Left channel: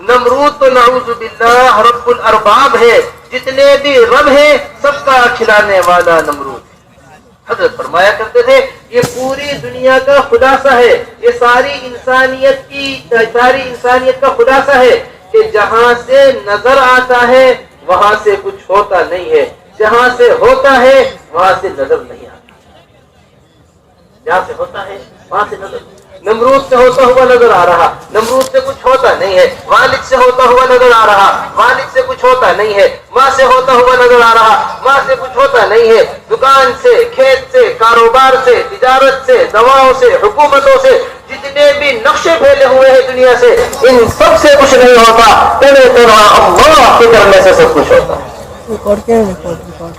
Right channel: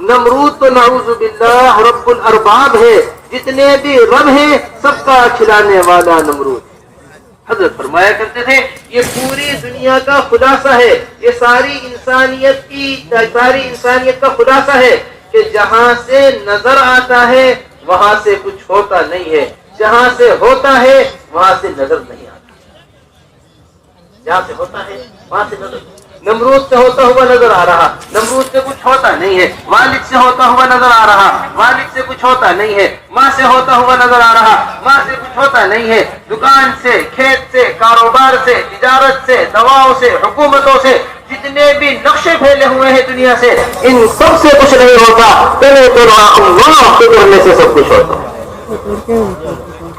نمرود تو نعوذ باللہ رب الارباب ہے، جتنے بھی رب ہیں سب کا کھلانے والا نمرود۔ حضرت فرمایا کرتے تھے یہ پوری دنیا کا خلاصہ ہے، یہ ساری انسانیت کا خلاصہ ہے کہ جہاں سے نظر آتا ہے وہاں سے کچھ ہوتا نہیں ہے، جہاں سے ہوتا ہے وہاں سے نظر نہیں آتا، جہاں سے ہوتا ہے وہاں سے نظر نہیں۔ نمرود سے ہوتا ہوا نظر آ رہا، نمرود سے کچھ ہوتا نہیں ہے۔ والد سے ہوتا ہوا نظر آ رہا، والد سے کچھ ہوتا نہیں ہے۔ ماں سے ہوتا ہوا نظر آ رہا، ماں سے کچھ ہوتا نہیں ہے۔ دکان سے، کھیت سے، کاروبار سے، تجارت سے، دواؤں سے، حکومتوں سے، جتنے بھی نقشے پھیلے ہوئے ہیں دنیا سے، ان سب سے کچھ نہیں ہوتا، تنہا تنہا اللہ کے کرنے سے سب کچھ ہوتا۔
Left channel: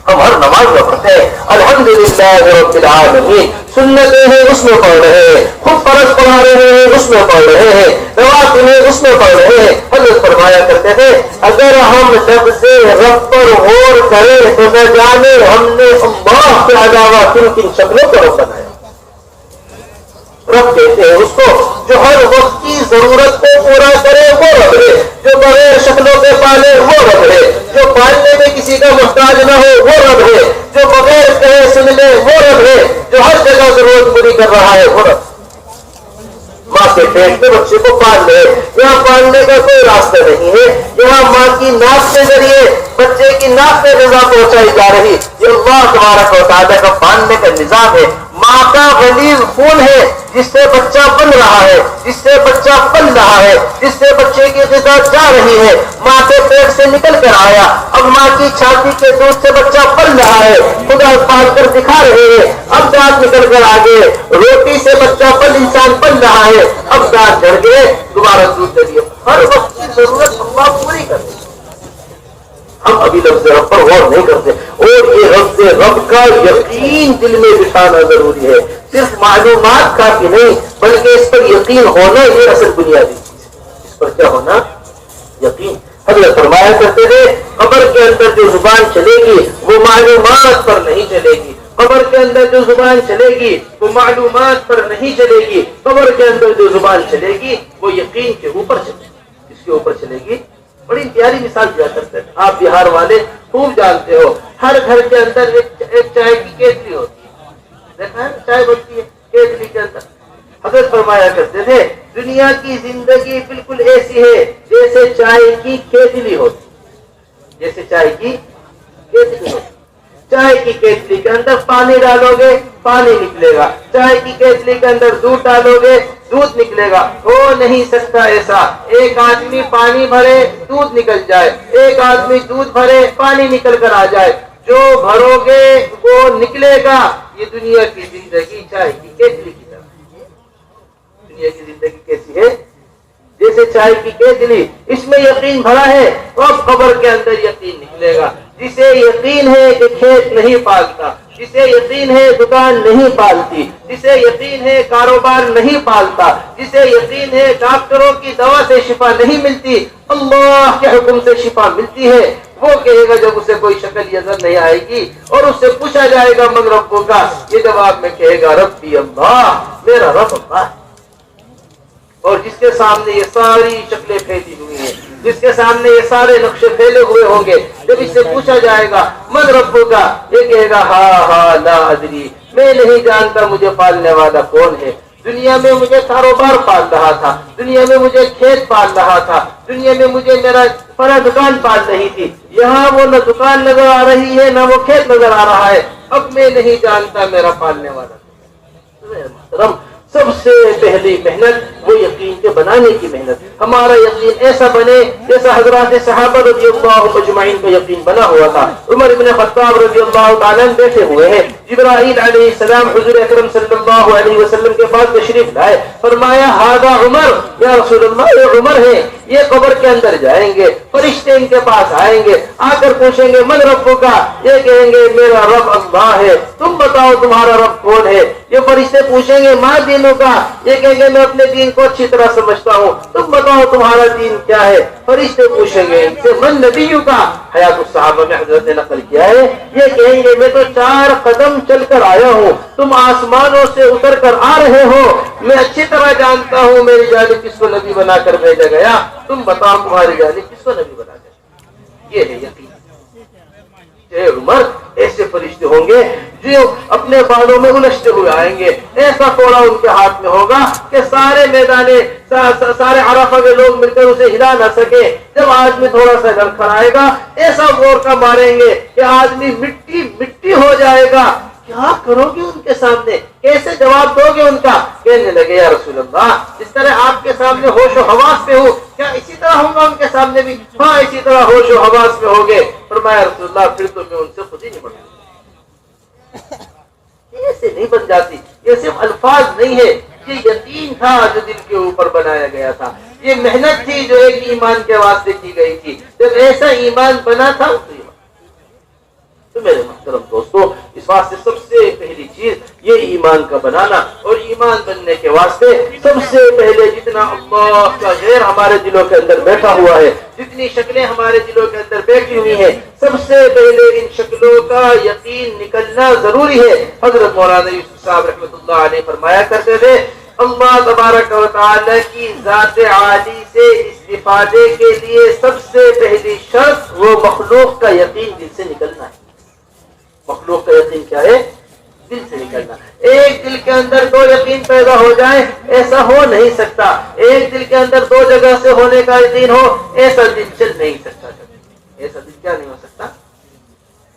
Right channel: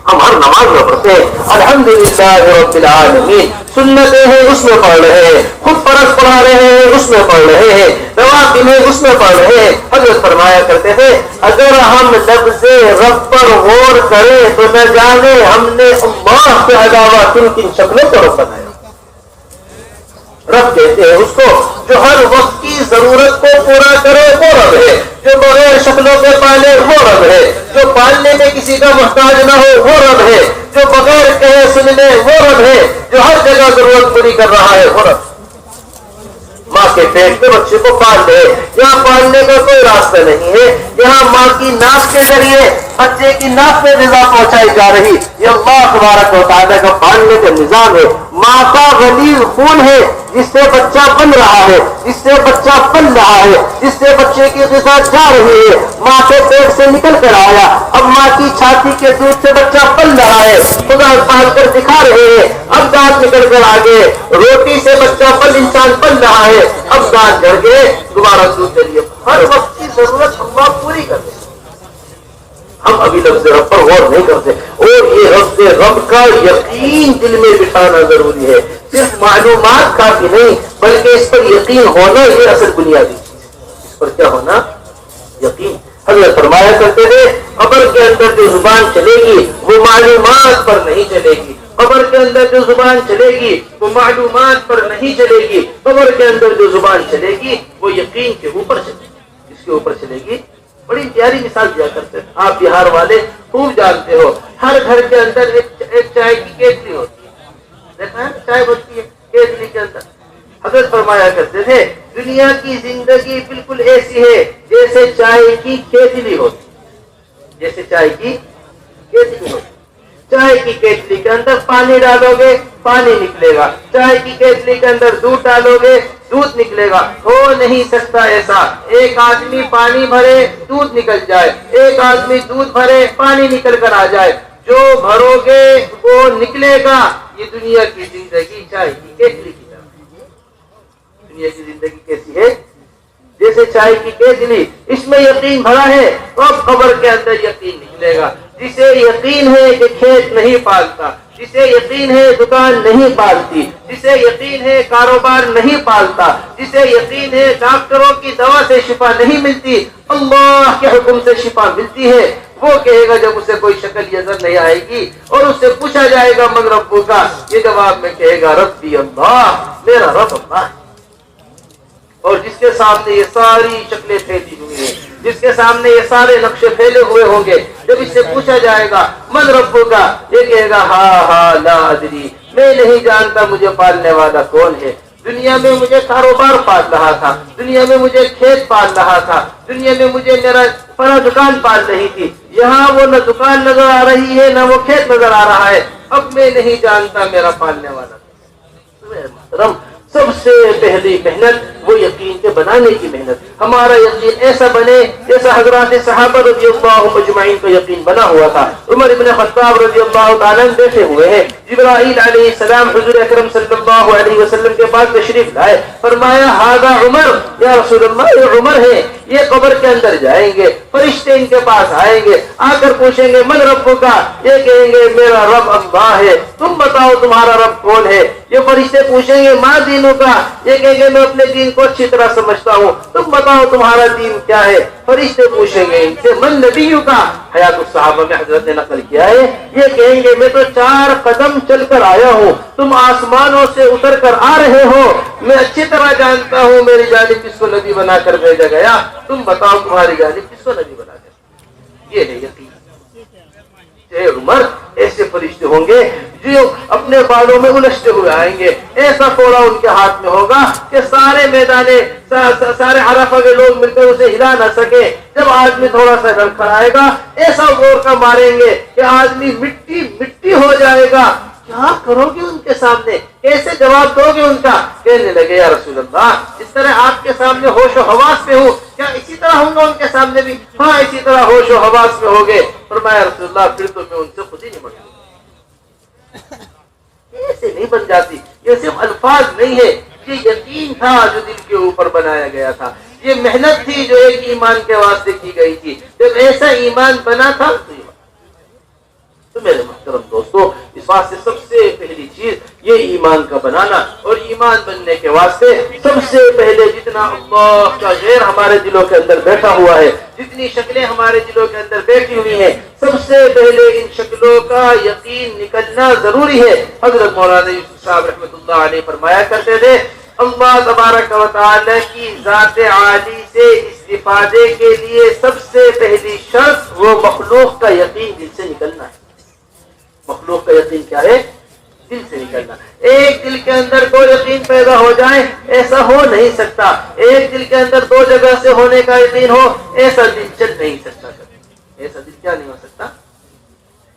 ہم ہر نماز میں پڑھتے ہیں الحمدللہ رب العالمین، سنتیں ہیں اس میں پڑھ رہے ہیں، خود فرض پڑھا رہے ہیں اس میں پڑھ رہے ہیں، نوافل ہیں اس میں پڑھ رہے ہیں۔ حضرت فرمایا کرتے تھے اگر ہم لفظ رب پر غور کریں تو نہ جانے ہم نے اللہ کے علاوہ کن کن شکلوں کو رب بنایا۔ رب کہتے ہیں اس کو جو ہر وقت کی ضرورت کو پورا کرے وہ رب ہے، جو بغیر شکلوں کے پالے وہ رب ہے، جو پالنے میں کسی کا محتاج نہ ہو وہ رب ہے، جو بغیر کہے سن لے وہ رب ہے، جو ہر جگہ ضرورت پوری کر رہا ہے وہ رب۔ ماں کے پیٹ میں بچے کو پال لے، یہاں پالنے کا کوئی راستہ نہیں ہے، یہاں ماں کی ناک کے ذریعے بچے کی ناک پہ غذا پہنچائی جا رہی، یہ اللہ تبارک و تعالیٰ کا پالنے کا نظام ہے۔ ماں کا غلیظ خون ہے جس سے بچہ بن رہا ہے، جس سے بچہ پل رہا ہے، جس سے بچے کی غذا جا رہی ہے، ماں کے پیٹ سے نکل کر آیا، اب ماں کی چھاتی کے دودھ سے بچہ پل رہا ہے، خدا پال کر دکھا رہے ہیں، اب دانت نکل کر آگے، روٹی سے بچہ پل انسان پل رہا ہے، اب دانت جھڑ گئے دوبارہ دودھ دے دیے، ہر وقت کی ضرورت اللہ پوری کرتے۔ ہم ابھی لفظ رب پر غور نہیں کرتے، اور یہ رب کا یقین دل میں بٹھانا ضروری ہے، صرف معلومات کافی نہیں بلکہ اس پر یقین ہونا یہ اصل بنیادی چیز ہے۔ اس پر کیا ہونا؟ یقین۔ حضرت فرمایا کرتے تھے قبر کے اندر جو زبان چلے گی وہ معلومات پر نہیں چلے گی، قبر کے اندر جو زبان چلے گی وہ معلومات پر نہیں چلے گی، قبر کے اندر جو زبان چلے گی وہ یقین کے اوپر چلے گی۔ اس کے اوپر چلے گی۔ بڑی پیاری مثال دیا کرتے ہیں، آپ بہار والے خوب جانتے ہو، ہر گھر کے اندر ایک چائے کی کیتلی ہوتی ہے، دیکھا ہے چائے بنتی ہے کیتلی کے اندر۔ حضرت فرمایا کرتے تھے دنیا کی زندگی بالکل ایسی ہے جیسے چائے کی کیتلی ہوتی، جیسے چائے کی کیتلی ہوتی۔ چائے کی کیتلی کے اندر پانی ڈالو گے پانی نکلے گا، چائے کی کیتلی کے اندر دودھ ڈالو گے دودھ نکلے گا۔ ہو نہیں سکتا ایسا ایک آدمی پانی بھرے دودھ نکل جائے، ایک آدمی دودھ بھرے پانی نکل کر آ جائے، جو بھرو گے وہ نکلے گا۔ یہ دنیا کی زندگی چائے کی کیتلی کی طرح۔ دنیا کی زندگی کیسی ہے؟ جیسے چائے کی کیتلی، اس میں یقین بھرا ہے تو اب قبر کے اندر یقین نکلے گا۔ جسے یقین ہے کہ کھیت نہیں پالتا، جسے یقین ہے دکان نہیں پالتی، جسے یقین ہے کاروبار نہیں پالتا، جسے یقین ہے ڈاکٹروں کی دوا سے شفا نہیں ملتی، اللہ کے حکم سے شفا ملتی ہے، وہ کہے گا جب اسے کوئی شکل نظر نہیں آئے گی اور اس سے پوچھا جائے گا من ربوں کا، یہ جواب میں کہے گا ربی اللہ، میرا رب اللہ ہے۔ اور جس کے سامنے یہ ساری شکلیں پھیلی ہوئی ہیں، جس کے سامنے یہ سارے نقشے پھیلے ہوئے ہوں گے، جب اس سے پوچھا جائے گا من ربوں کا، یہ کہے گا ہاں لا ادری، میں نہیں جانتا مجھے پالنے والا کون ہے۔ دنیا میں مجھے کاروبار پال رہا تھا، دنیا میں مجھے کھیت پال رہا تھا، دنیا میں مجھے میرا بڑا دکان پال رہی تھی، یہاں وہ نہ دکان نظر آ رہی ہے نہ وہ کھیت نظر آ رہا ہے، اب میں نہیں جانتا میرا پالنے والا۔ محترم، سب سے پہلی محنت وہ یقین کے بنانے کی محنت، ہمارا یقین ایسا بنے جیسا حضرات صحابہ رضی اللہ اجمعین کا یقین بنا ہوا تھا۔ عمر بن خطاب رضی اللہ تعالیٰ بیٹھے ہوئے ہیں، جبرائیل علیہ السلام حضور اکرم صلی اللہ علیہ وسلم کے پاس تشریف لائے، فرمایا ھذا عمر، یا رسول اللہ یہ عمر ہے، یہ قبر کے اندر جائیں گے، فرشتے ان کے پاس آئیں گے، آ کر پوچھیں گے من ربوں کا، یہ کہیں گے میرا رب اللہ ہے، تم بتاؤ تمہارا رب کون ہے؟ یہ فرشتے پوچھیں گے ماں دینوں کا، یہ کہیں گے میں اپنے دین کو اچھی طرح سمجھتا ہوں، تم بتاؤ تمہارا دین کیا ہے؟ فرشتے پوچھیں گے ان سے من نبیوں کا، حیات الصحابہ میں حضرت نے نقل کیا ہے، یہ کہیں گے میں تو 4 قدم چل کر آیا ہوں، تم آسمانوں سے اتر کر آ رہے ہو، میں اچھی طرح جانتا ہوں میری جانب کس کو نبی بنا کر بھیجا گیا، تم بتاؤ تمہاری جانب کس کو نبی بنا کر، یہ ہے یقین۔ عمر ایسے فرشتے ہوں گے جو اپنے بالوں میں الجھتے ہوئے آئیں گے، ایسا کوڑا ان کے ہاتھ میں ہوگا کہ سارے میدانے سارے عرفہ کے لوگ مل کر اسے ہلا نہ سکے۔ جب آدمی تھوڑا سا ڈر کر آئے گا ایسا زور کا ماریں گے کہ آدمی مٹی مٹی ہو جائے گا۔ کیا کرو گے ان کے سامنے، کیسے جواب دو گے ان کا؟ کہنے لگے یا رسول اللہ اس طرح آپ کے سامنے ہوش و حواس میں ہوں، کیا اسی طرح ہوں گا ان کے سامنے بھی؟ ہاں اسی طرح ہوش و حواس میں ہوگے۔ فرمایا رسول اللہ پھر تو میں ان سے خود ہی نہیں بنوں، ایسے نہیں بن جاتی، یہ صرف الفاظ نہیں ہے، یہ یقین تھا جو دل کے اوپر بنایا گیا تھا، یہ محنت تھی جو ایک ایمان کے واسطے کی گئی تھی۔ جب ایسا ایمان بنا تھا تو میرے محترم دوستو اس واسطے سب سے پہلی چیز یہ ایمان کا بنانا، اور ایمان بننے کے واسطے سب سے پہلے جتنا اللہ کا غیر ہمارے دلوں کے اندر بیٹھا ہوا ہے، جتنی شکلیں ہمارے دلوں کے اندر بیٹھی ہوئی ہیں، سب سے پہلے ان شکلوں کا یقین نکلنا ضروری ہے۔ حضرت مولانا یوسف صاحب رحمۃ اللہ علیہ فرمایا کرتے تھے اللہ تبارک و تعالی کی ذات عالی سے استفادے کے لیے سب سے پہلی شرط وہ مخلوق کا یقین دل سے نکلنا ہے۔ مخلوق کا یقین کیا ہے؟ دل سے نکلنا۔ ایک دل کے اندر 2 یقین پیدا ہو جائیں ایسا ہو نہیں سکتا، ایک دل کے اندر 2 جگہ سے ہونے کا یقین ہو ایسا دل چل نہیں سکتا، ایسا دل کیا نہیں ہو سکتا؟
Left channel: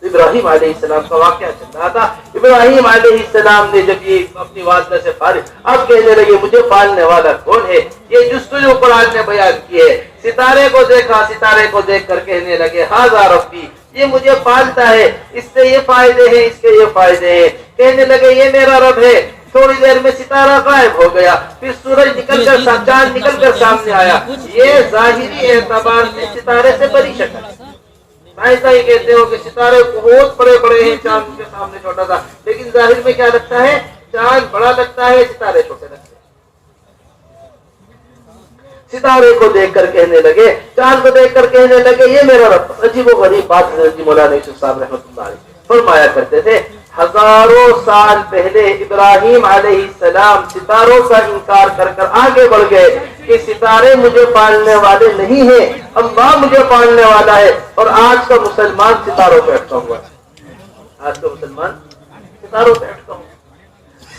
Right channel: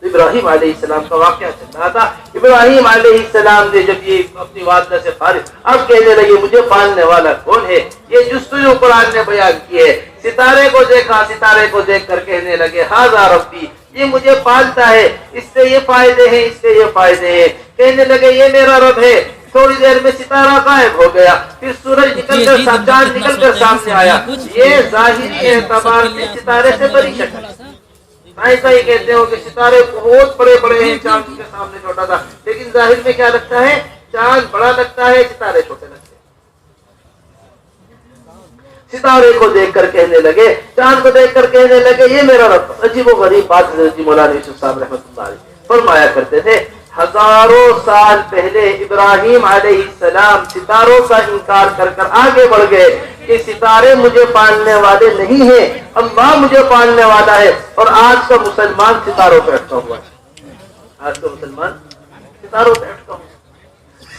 ابراہیم علیہ السلام کا واقعہ چل رہا تھا، ابراہیم علیہ السلام نے جب یہ اپنی والدہ سے فارغ اب کہنے لگے مجھے پالنے والا کون ہے؟ یہ جستجو قرآن نے بیان کی ہے، ستارے کو دیکھا، ستارے کو دیکھ کر کہنے لگے ھذا ربی، یہ مجھے پالتا ہے، اس سے یہ فائدے ہیں، اس کے یہ فائدے ہیں، کہنے لگے یہ میرا رب ہے۔ تھوڑی دیر میں ستارہ غائب ہو گیا، پھر سورج نکل کر چاند نکل کر سامنے آیا، یہ ظاہری اعتبار سے ستارے سے بڑی شکل، ایسا ہی کہتے ہو کہ ستارے بہت بڑے بڑے ہیں، چاند کے سامنے چھوٹا تھا، لیکن ظاہر میں کیا لگتا ہے؟ چاند بڑا لگتا ہے، ستارے چھوٹے لگتے ہیں۔ ستارے کو دیکھ کر کہنے لگے، چاند کو دیکھ کر کہنے لگے یہ میرا رب۔ عجیب و غریب بات حضرت مولانا یوسف صاحب رحمۃ اللہ علیہ فرمایا کرتے تھے ہزاروں سال پہلے ابراہیم علیہ السلام ستاروں کا انکار کر کر آگے بڑھ گئے کہ ستارے مجھے پالنے والے نہیں ہیں، اللہ مجھے پالنے والا ہے۔ اور آج کا مسلمان ستاروں پہ اٹکا ہوا ہے، آج کا مسلمان ستاروں پہ اٹکا ہوا ہے۔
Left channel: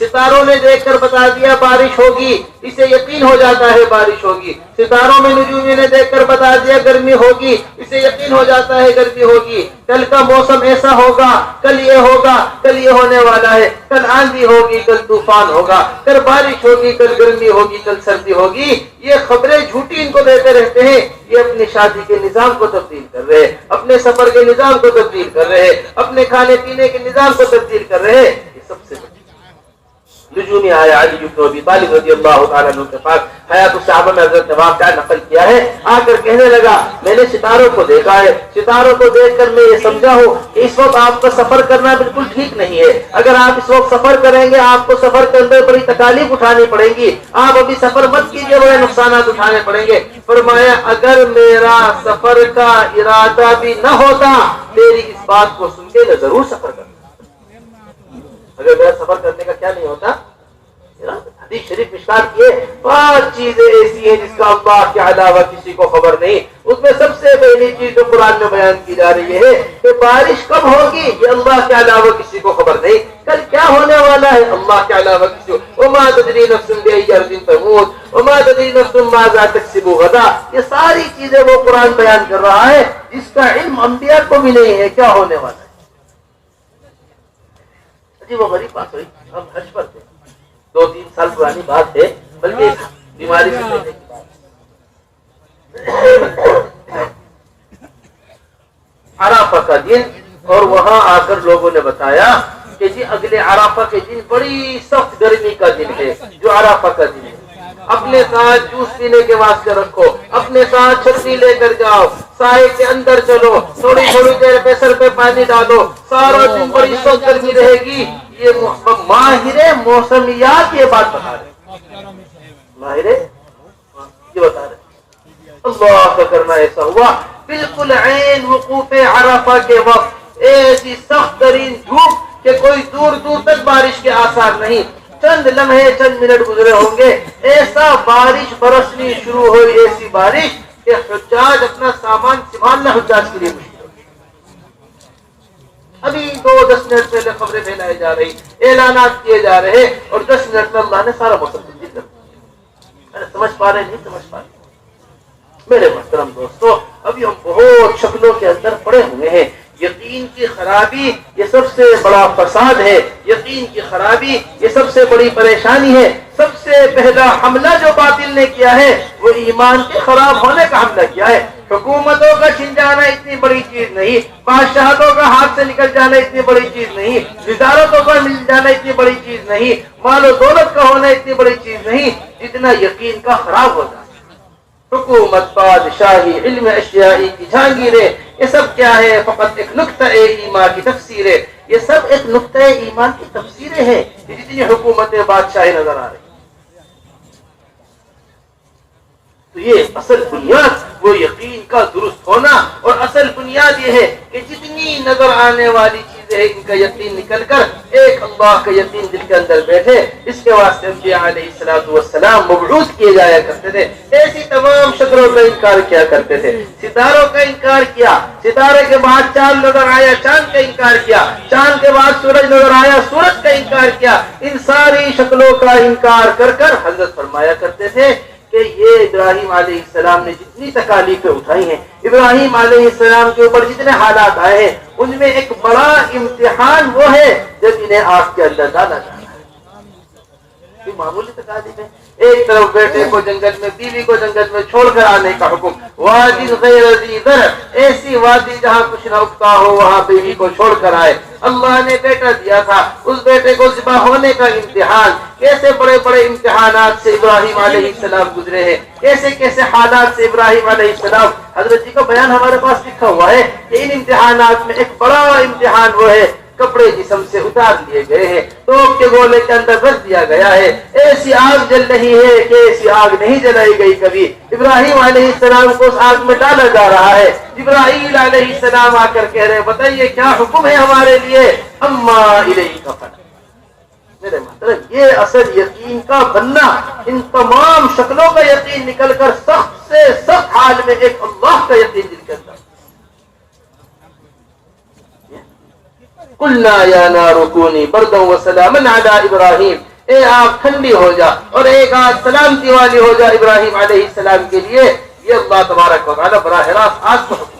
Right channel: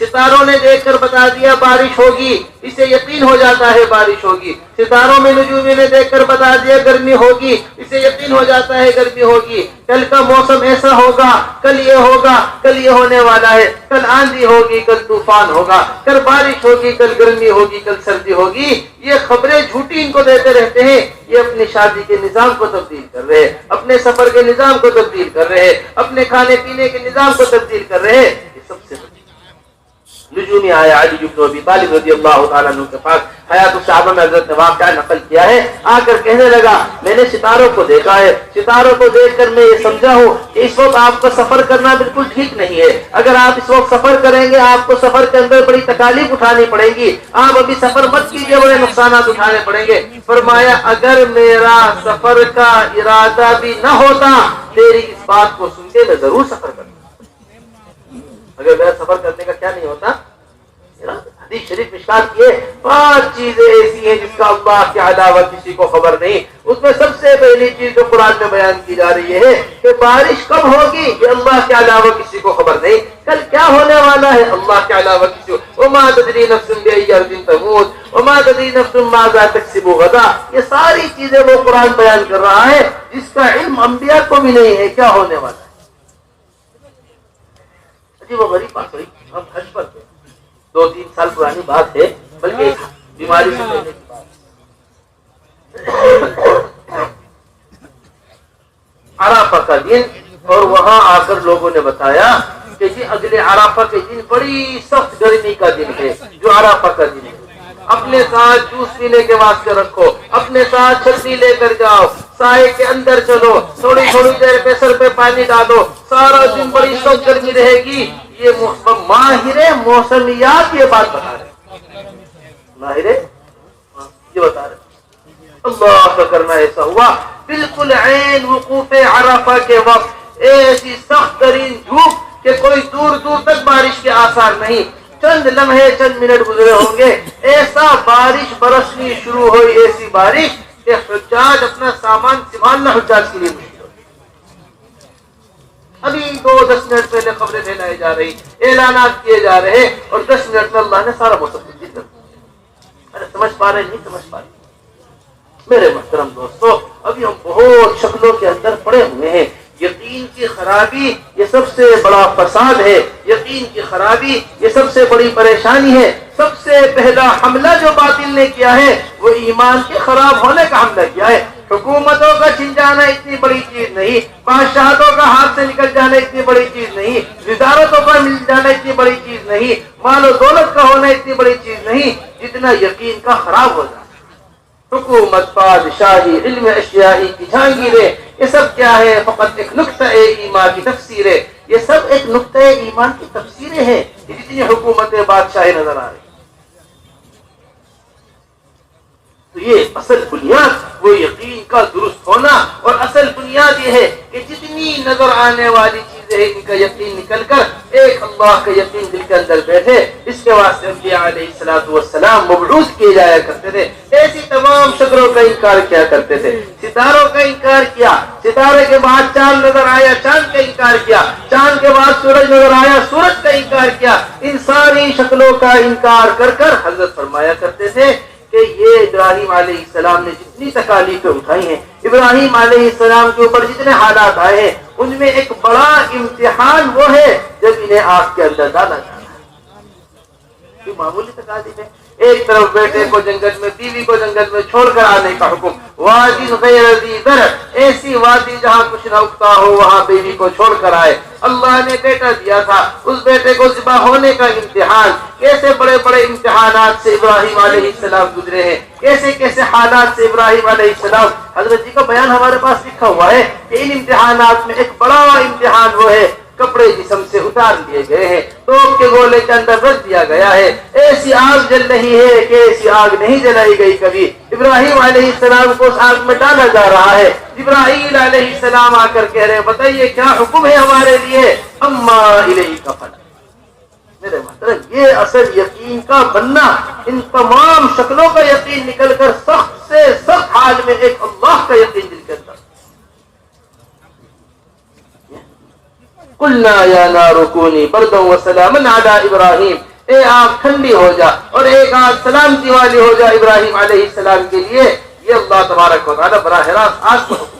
ستاروں نے دیکھ کر بتا دیا بارش ہوگی، اسے یقین ہو جاتا ہے بارش ہوگی۔ ستاروں میں نجومی نے دیکھ کر بتا دیا گرمی ہوگی، اسے یقین ہو جاتا ہے گرمی ہوگی۔ کل کا موسم ایسا ہوگا، کل یہ ہوگا، کل یہ ہونے والا ہے، کل آندھی ہوگی، کل طوفان ہوگا، کل بارش ہوگی، کل گرمی ہوگی، کل سردی ہوگی۔ یہ خبریں جھوٹی ان کو دیتے رہتے ہیں۔ یہ اپنی شادی کے نظام کو تبدیل کر رہے ہیں، اپنے سفر کے نظام کو تبدیل کر رہے ہیں، اپنے کھانے پینے کے نظام کو تبدیل کر رہے ہیں۔ یہ سب سے نجومی آیا علی بن ابی طالب رضی اللہ تعالیٰ عنہ کے پاس، حیات الصحابہ میں حضرت نے واقعہ نقل کیا ہے، آ کر کہنے لگا میں نے ستاروں کو دیکھا ہے، ستاروں کو دیکھ کر میں یہ سمجھا ہوں کہ اس وقت آپ کا سفر کرنا بالکل ٹھیک نہیں ہے۔ اگر آپ اس وقت سفر کریں گے آپ کو سفر کے اندر بڑی تکالیف اٹھانی پڑے گی، آپ ابھی سفر مت کیجیے، بڑے نقصانات اٹھانے پڑیں گے۔ فرمایا اگر میرا سفر کا ارادہ بھی نہ ہوتا تیری اس بات کو سن کے میں ضرور سفر کرتا۔ اگر میرا سفر کرنے کا کیا نہیں ہوتا، حدیث شریف مشکات کی 5 چیزیں ایسی ہیں جس کا اللہ کے علاوہ کسی کو خبر نہیں۔ اس میں سب سے پہلی چیز جو قرآن میں بیان کی جا رہی ہے کہ بارش کب ہوگی یہ اللہ کے علاوہ کسی کو خبر نہیں، کل کیا ہونے والا ہے اللہ کے علاوہ کسی کو۔ وما تدری نفس بأي أرض تموت وما تدری نفس ماذا تكسب غدا، یہ ساری چیزیں وہ قرآن بیان کر رہا ہے جس کا علم انبیاء کو بھی نہیں ہے کیا ہونے والا ہے۔ عجیب و غریب بات ہوئی، ہم حج پر تھے، 2-3 سال پرانی بات ہے، بلکہ بیماری سے پہلے کی بات۔ عرفہ کا دن، اور وہاں آ کر لوگوں نے بتایا کہ جی اگلے عرفہ کے دن بڑی سخت گرمی کا دن ہے، جو عرفہ کا دن ہے، اپنے ساتھ جوس پینے کے واسطے رکھو، اپنے ساتھ چھتری لے کر جاؤ، سائے کے اندر چلو، تھوڑی تھوڑی دیر پہ سر پہ پانی ڈالو، سارا دن بڑی سخت گرمی رہے گی۔ یہ ماہر موسمیات یہ بات بتا رہے، ماہر یہ بتا رہے اللہ کا کرنا ایسا ہوا بالکل عین وقوف عرفہ کے وقت ایسی سخت ترین دھوپ کہ کوئی دور دور تک بارش کے آثار نہیں، چند لمحے چند منٹ گزرے ہوں گے، ایسا بارش برسنی شروع ہوئی، ایسی بارش کہ حجاج اپنا سامان سنبھالنا حجاج کے لیے مشکل ہو۔ ابھی 10 منٹ پہلے خبریں پھیلائی جا رہی، اعلانات کیے جا رہے، اور 10 منٹ میں اللہ نے سارا موسم تبدیل کر دیا۔ سمجھ پا رہے نہیں سمجھ پا رہے؟ میرے محترم دوستو، ابھی ہم بہت شکلوں کے اندر پڑے ہوئے ہیں۔ یقین کی خرابی یہ سب سے بڑا فساد ہے، یقین کی خرابی یہ سب سے بڑی پریشانی ہے۔ سب سے پہلا حملہ جو باطل نے کیا ہے وہ ایمان کے خراب ہونے کا حملہ کیا ہے۔ حکومتوں کا چھن جانا اتنی بڑی چیز نہیں، بادشاہتوں کا ہاتھ سے نکل جانا اتنی بڑی چیز نہیں، وزارتوں کا مل جانا اتنی بڑی چیز نہیں، مال و دولت کا ہونا اتنی بڑی چیز نہیں، جتنا یقین کا خراب ہو جانا۔ حکومت، بادشاہی، علم اشیائی کی جہانگیریں، یہ سب کیا ہے؟ فقط ایک نقطہ ایمان کی تفسیر ہے۔ یہ سب ایک نقطہ ایمان کی تفسیریں ہیں، جتنی حکومتیں بادشاہی نظر آ رہی۔ تو یہ اصل بنیاد وہ یقین کا درست ہونا، اور اصل بنیاد یہ ہے کہ جتنی نظر آنے والی چیزیں ہیں ان کا یقین نکل کر ایک اللہ کا یقین دل کے اندر بیٹھے۔ اس کے واسطے انبیاء علیہ السلام مبعوث کیے جایا کرتے تھے، ایسی تمام شکلوں کا انکار کیا کرتے تھے۔ ستاروں کا انکار کیا، ستارے کے بعد چاند نظر آیا، چاند کا انکار کیا، چاند کے بعد سورج نظر آیا، سورج کا انکار کیا۔ ان ساری شکلوں کا انکار کر کر حضرت فرمایا کرتے تھے کہ یہ ابراہیم علیہ السلام نے جتنی تکالیفیں اٹھائی ہیں، ابراہیم علیہ السلام کے اوپر جتنے حالات آئے ہیں، ان میں ایک بڑا امتحان وہ ہے جب انہیں آگ کے اندر ڈالا جانا ہے۔ یہ معمولی تکالیف ہے۔ ایک طرف بیٹے کو جنگل میں، بیوی کو جنگل میں چھوڑ کر آنے کا حکم، وادی غیر ذی زرع، ایسی وادی جہاں کچھ نہ اگتا ہو وہاں بیوی کو چھوڑ کر آئے۔ اللہ نے بیٹا دیا تھا، اس بیٹے کو ذبح ہونے کا امتحان، کیسے بڑے بڑے امتحانات سے ابراہیم علیہ السلام گزرے ہیں، کیسے کیسے حالات سے ابراہیم علیہ السلام۔ حضرت جی کا بیان ہمارے پاس لکھا ہوا ہے کہ ان امتحانات میں ایک بڑا امتحان وہ ہے، کپڑے جسم سے اتار لیے گئے ہیں، توپ کے گولے کے اندر رکھ دیا گیا ہے، ایسی آگ جل رہی ہے کہ ایسی آگ نہیں جلائی گئی کبھی۔ ابراہیم علیہ السلام کو اس آگ میں ڈالا جا رہا ہے۔ جبرائیل علیہ السلام آ کر کہہ رہے بتائیے کیا حکم ہے ہمارے لیے؟ اما الیک فلا۔ میرے محترم، یہ اصل یقین کا بننا، ان تمام شکلوں کا یقین نکل کر سخت سے سخت حال میں ایک اللہ کا یقین دل کے اندر۔ قلنا یا نار کونی بردا وسلاما علی ابراہیم، اے آگ ٹھنڈی ہو جا اور ایک آگ سلامتی والی ہو جا ابراہیم علیہ السلام کے لیے۔ یہ اللہ تبارک و تعالیٰ براہ راست آگ کو حکم۔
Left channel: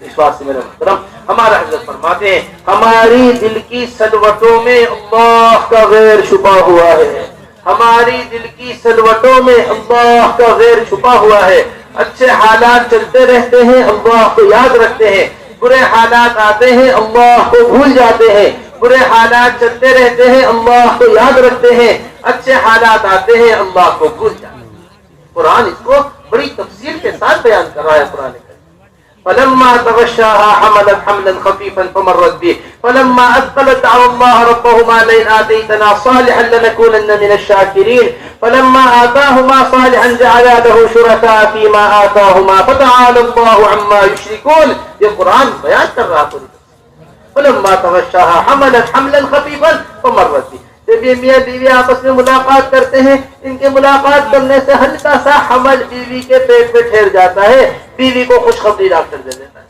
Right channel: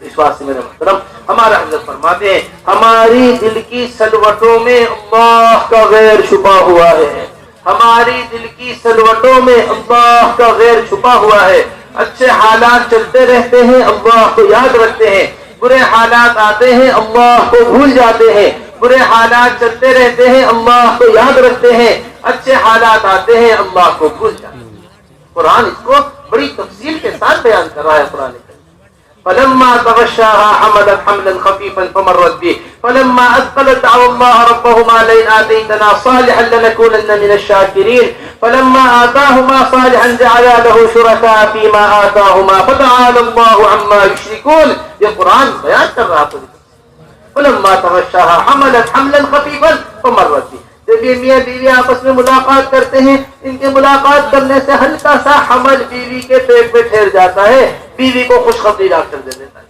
اس واسطے میرے محترم، ہمارا حضرت فرماتے ہیں ہماری دل کی سلوٹوں میں اللہ کا غیر چھپا ہوا ہے، ہماری دل کی سلوٹوں میں اللہ کا غیر چھپا ہوا ہے۔ اچھے حالات چلتے رہتے ہیں، اللہ کو یاد رکھتے ہیں، برے حالات آتے ہیں اللہ کو بھول جاتے ہیں، برے حالات چلتے رہتے ہیں اللہ کو یاد رکھتے ہیں، اچھے حالات آتے ہیں اللہ کو بھول جاتے ہیں۔ قرآن اس کو بڑی تفصیل کے ساتھ بیان کر رہا ہے۔ قرآن فلما تغشاها حملت حملا خفيفا فمرت به فلما أثقلت دعوا الله ربهما لئن آتيتنا صالحا لنكونن من الشاكرين فلما آتاهما صالحا جعلا له شركاء فيما آتاهما فتعالى الله عما يشركون۔ یہ قرآن بیان کر رہا تھا۔ فلما تغشاها حملت حملا خفيفا فمرت به، جب یہ میاں بیوی آپس میں ملاقات کرتے ہیں، ان کے ملاقات کرنے سے ہلکا سا حمل بیوی کے پیٹ میں ٹھہر جاتا ہے، بیوی کو خوشخبری ڈاکٹر دے دیتا ہے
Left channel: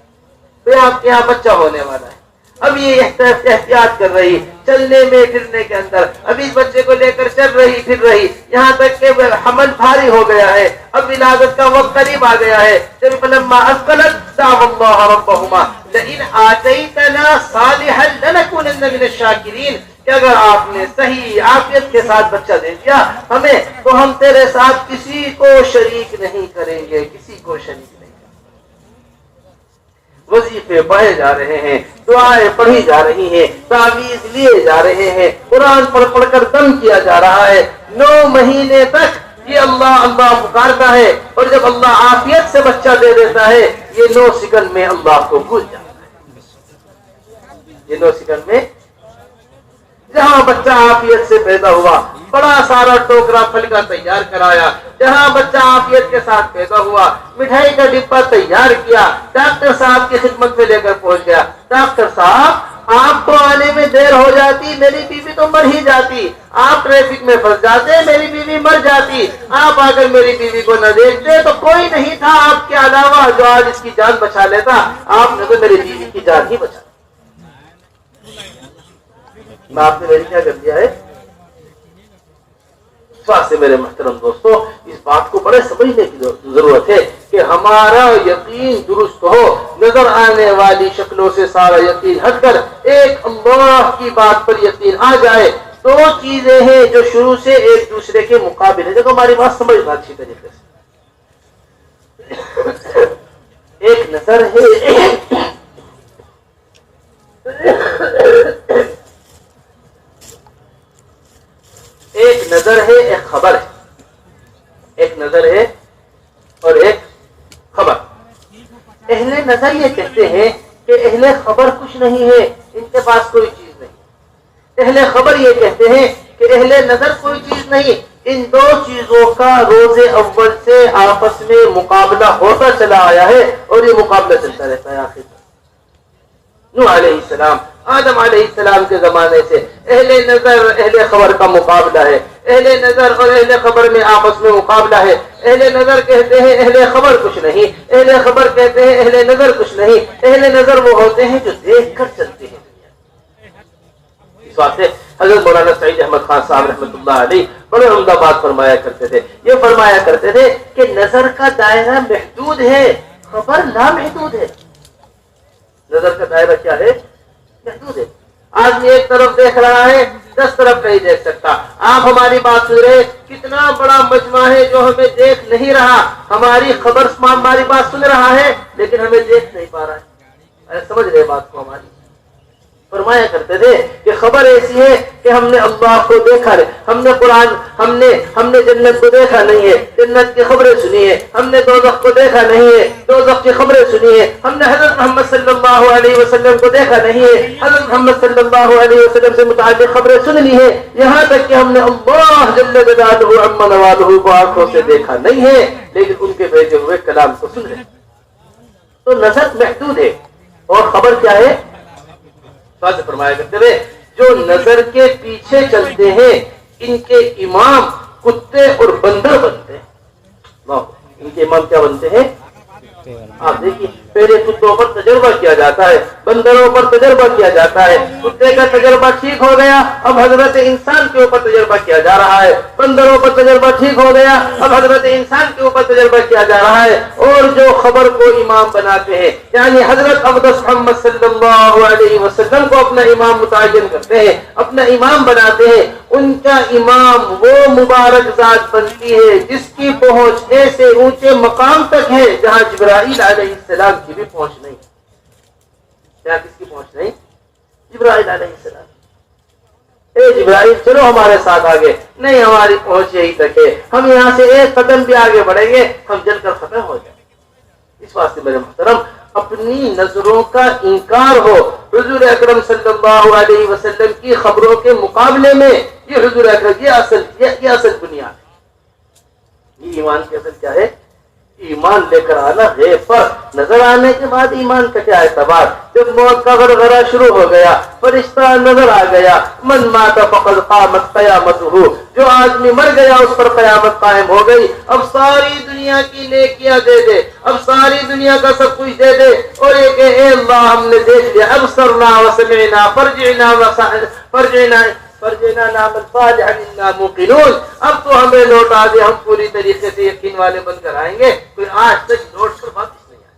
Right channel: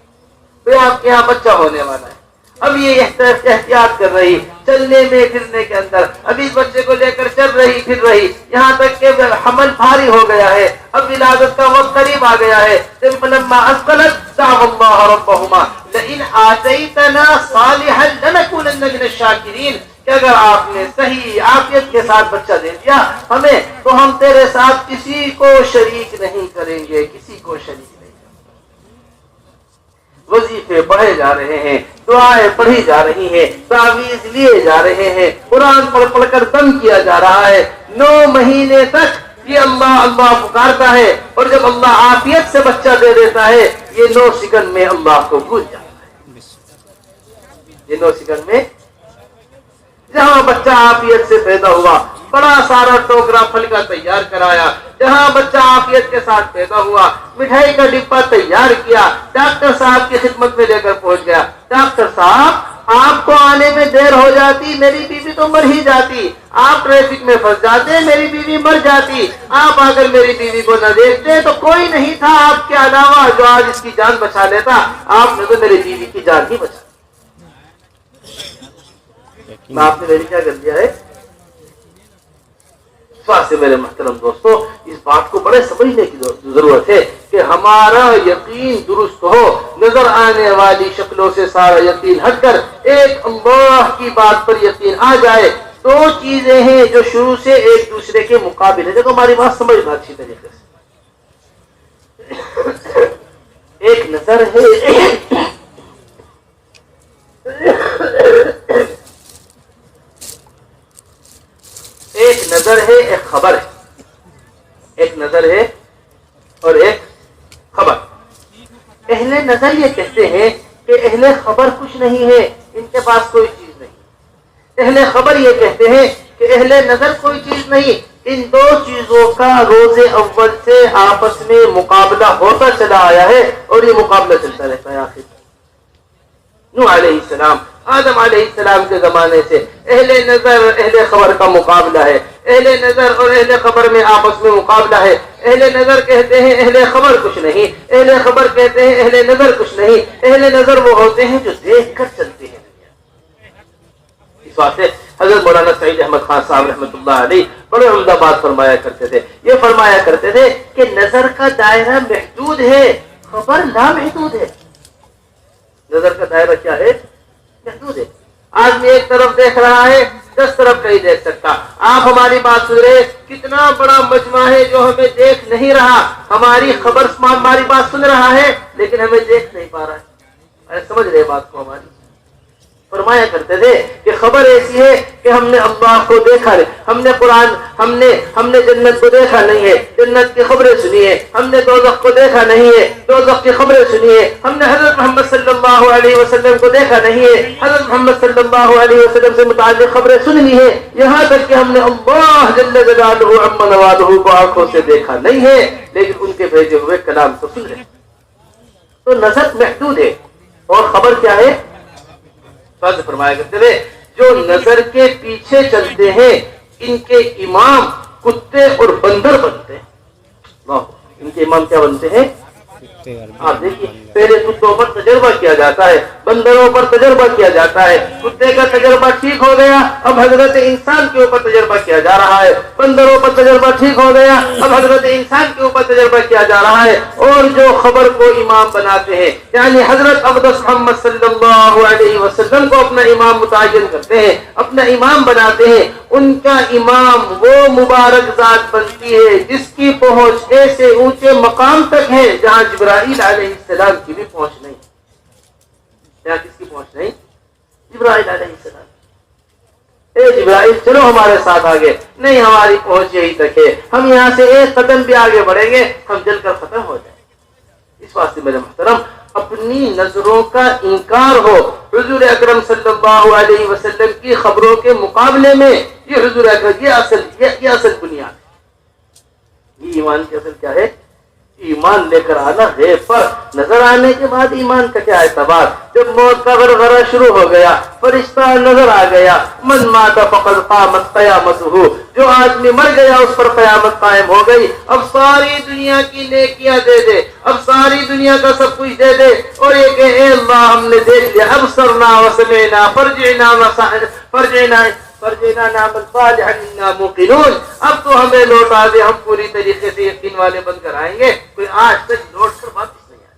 تو آپ کے یہاں بچہ ہونے والا ہے۔ اب یہ احتیاط کر رہی، چلنے میں پھرنے کے اندر، ابھی بچے کو لے کر چل رہی پھر رہی، یہاں تک کہ حمل بھاری ہو گیا ہے، اب ولادت کا وقت قریب آ گیا ہے۔ جب فلما اثقلت دعوا الله ربهما لئن آتيتنا صالحا لنكونن من الشاكرين، کہ اگر آپ نے صحیح عافیت کے ساتھ بچہ دے دیا ہمیں تو ہم تیرے ساتھ کسی کو شریک نہیں کریں گے، کسی کو شریک نہیں کریں گے۔ وظیفے پڑھے جا رہے ہیں، دعائیں پڑھی جا رہی ہیں، تعویذ لیے جا رہے ہیں، قرآن پڑھ کر دم کیا جا رہا ہے، 9 مہینے تک یہ اللہ اللہ پکارتا ہے، اور جب اللہ عافیت سے بچہ دے دیتا ہے یہ 9 سیکنڈ میں اللہ کو بھول جاتا ہے۔ یہ 9 سیکنڈ میں جہاں بچہ عافیت سے پیدا ہوا، بڑا سارا ٹوکرا پھل کا تیار کرایا، جہاں بچہ عافیت کے ساتھ پیدا ہوا، مٹھائی کا ڈبہ تیار کیا، ڈاکٹر صاحب کی خدمت میں لے کر پہنچ گیا۔ ڈاکٹر صاحب آپ کو آنے میں دیر ہو جاتی، میری بیوی تو مر ہی جاتی، آپ ٹریفک میں پھنس جاتے، میری بیوی مر جاتی، آپ اگر میری بیوی کو نہ دیکھتے تو کوئی نہیں تھا آپ کے علاوہ جو آج اس کی جان بچا لیتا، آپ نے تو میری بیوی کی جان ہی بچا۔ آپ نے میری کیا کر دیا ہے؟ اس واسطے میرے محترم دوستو، اس بات کو بڑے سمجھنے کی ضرورت ہے کہ ہمارا یقین درست ہو، نظر آنے والی شکلوں سے سارا یقین ہٹ کر ایک اللہ کی بات پر یقین آ جائے۔ دو چیزیں ہیں جو شروع سے ایک دوسرے کے مقابل ہے، دیکھو ہماری بات سمجھنا اچھی طریقے سے۔ ایک نظر ہے، ایک نظر ہے، ایک خبر ہے، ایک نظر ہے اور ایک خبر۔ اہل نظر یہ کہتے ہیں کہ اہل خبر کچھ نہیں ہے، ان کے پاس کوئی چیز نہیں۔ اہل خبر یہ کہتے ہیں کہ اہل نظر کوئی چیز نہیں۔ ان دو چیزوں کا روز اول سے آپس میں مقابلہ ہوتا چلا آیا ہے اور یہ مقابلہ چلتا رہتا ہے آخر تک۔ نوح علیہ السلام، آدم علیہ السلام کے زمانے سے اہل نظر اہل خبر کا مقابلہ ہے، اہل نظر اور اہل خبر میں آپس میں مقابلہ ہے۔ اہل نظر کہتے ہیں اہل خبر کچھ نہیں، اہل خبر کہتے ہیں اہل نظر کچھ نہیں۔ اہل نظر وہ ہوتے ہیں جو دیکھ کر چلتے ہیں۔ اس واسطے حضرت مولانا سعید احمد خان صاحب رحمۃ اللہ علیہ بڑے عمدہ بات فرمایا کرتے تھے۔ یہ فرمایا کرتے تھے کہ نظر کا دائرہ محدود ہے، خبر لامحدود ہے۔ نظر کا دائرہ کیا ہے؟ محدود ہے۔ آدمی ایک طرف دیکھ رہا ہے، 10 طرف نہیں دیکھ سکتا۔ آپ ہماری بات سن رہے، کتنا بڑا مجمع ہے جو ہمیں دیکھ نہیں رہا، ہماری خبر ہماری بات سن رہا ہے لیکن ہمیں دیکھ نہیں پا رہا ہے۔ سمجھ رہے بات کو ہماری؟ فرمایا کرتے تھے کہ خبر ایسی ہے کہ ہم نے اللہ کو دیکھا ہے، ہم نے قرآن، ہم نے جنت کو دیکھا نہیں ہے، جنت کی خبریں سنی ہے، ہم نے دوزخ کو دیکھا نہیں ہے، دوزخ کی خبریں سنی ہے، ہم نے حضرت محمد صلی اللہ علیہ وسلم کو دیکھا نہیں ہے، حضرت محمد صلی اللہ علیہ وسلم سے متعلق خبریں سن لی ہے، یہاں تک کہ ہم نے اللہ جل جلالہ عما نوالہ کو آنکھوں سے دیکھا نہیں ہے لیکن ان کے بھیجے ہوئے کلام کو سن رہے۔ تو نظر محدود ہے اور خبر کیا ہے؟ فرمایا کرتے تھے جو نظر کے پیچھے چلتے ہیں ان کے امام کتے اور بندر بنتے ہیں۔ ان کے امام کیا بنتے ہیں؟ آپ دیکھیے، پہلے کتوں پر تجربہ کیا جاتا ہے، بندروں پر تجربہ کیا جاتا ہے، کتے کا تجربہ ٹھیک ہو گیا، اب حضرت انسان کے اوپر تجربہ کیا جا رہا ہے، بندروں پر تجربہ ٹھیک ہو گیا، اب حضرت انسان کے اوپر تجربہ کیا جا رہا ہے۔ اور جو خبر کو امام بناتے ہیں یعنی حضرت اقدس محمد صلی اللہ علیہ وسلم کو اپنا امام متعین کرتے ہیں، اپنا امام بناتے ہیں، ان کا امام وہ مبارک ذات بنتی ہے جس کی پہنچ ایسے اونچے مقام تک ہے جہاں جبرائیل علیہ السلام کی بھی پہنچ نہیں۔ کیا کس کی پہنچ نہیں؟ جبرائیل علیہ السلام۔ اے جبرائیل چلو ہمارے ساتھ آگے، نہیں ہماری پہنچ یہی تک ہے، ہم یہاں سے ایک قدم بھی آگے بڑھیں گے ہم جل کر ختم ہو جائیں۔ اس واسطے میرے محترم اپنی نظروں کا انکار ہو حضور اکرم صلی اللہ علیہ وسلم کی خبروں کے مقابلے میں، یہ حضور اکرم یہ اصل بنیاد ہے۔ یہ ایمان کی اصل کیا ہے؟ ایمان لے کر آنا ہے، پر نظر آنے کے بعد ایمان کا کیا اعتبار؟ جب موت کا غرغرہ شروع ہو گیا، فرشتہ نظر آ گیا، من مات فقد قامت قیامتہ، جو آدمی مر گیا اس پر قیامت قائم ہو گئی۔ اب ساری دنیا کی نیکیاں دے دے، اب ساری دنیا کا سب کچھ دے دے اور یہ کہ اے اللہ ہم نے دیکھ لیا، ابصرنا وسمعنا فرجنا نعمل صالحا انا موقنون، اب تو ہمیں لوٹا دے، ہم پوری طریقے سے یقین والے بن کر آئیں گے، کوئی آج تک لوٹ کر واپس نہیں آئے۔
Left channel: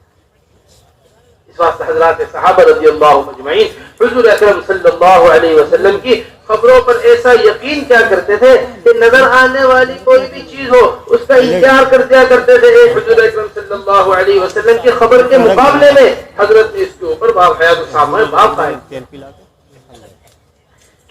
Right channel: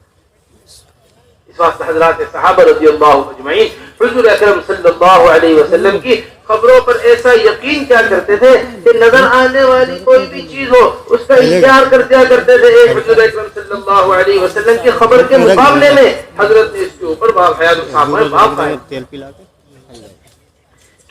اس واسطے حضرات صحابہ رضی اللہ اجمعین حضور اکرم صلی اللہ علیہ وسلم کی خبروں پر ایسا یقین کیا کرتے تھے کہ نظر آنے والی کوئی بھی چیز ہو اس کا انکار کر دیا کرتے تھے۔ ایک حضور اکرم صلی اللہ علیہ وسلم کی خبر کے مقابلے میں حضرت نے اس کے اوپر باب حیات صحابہ باب قائم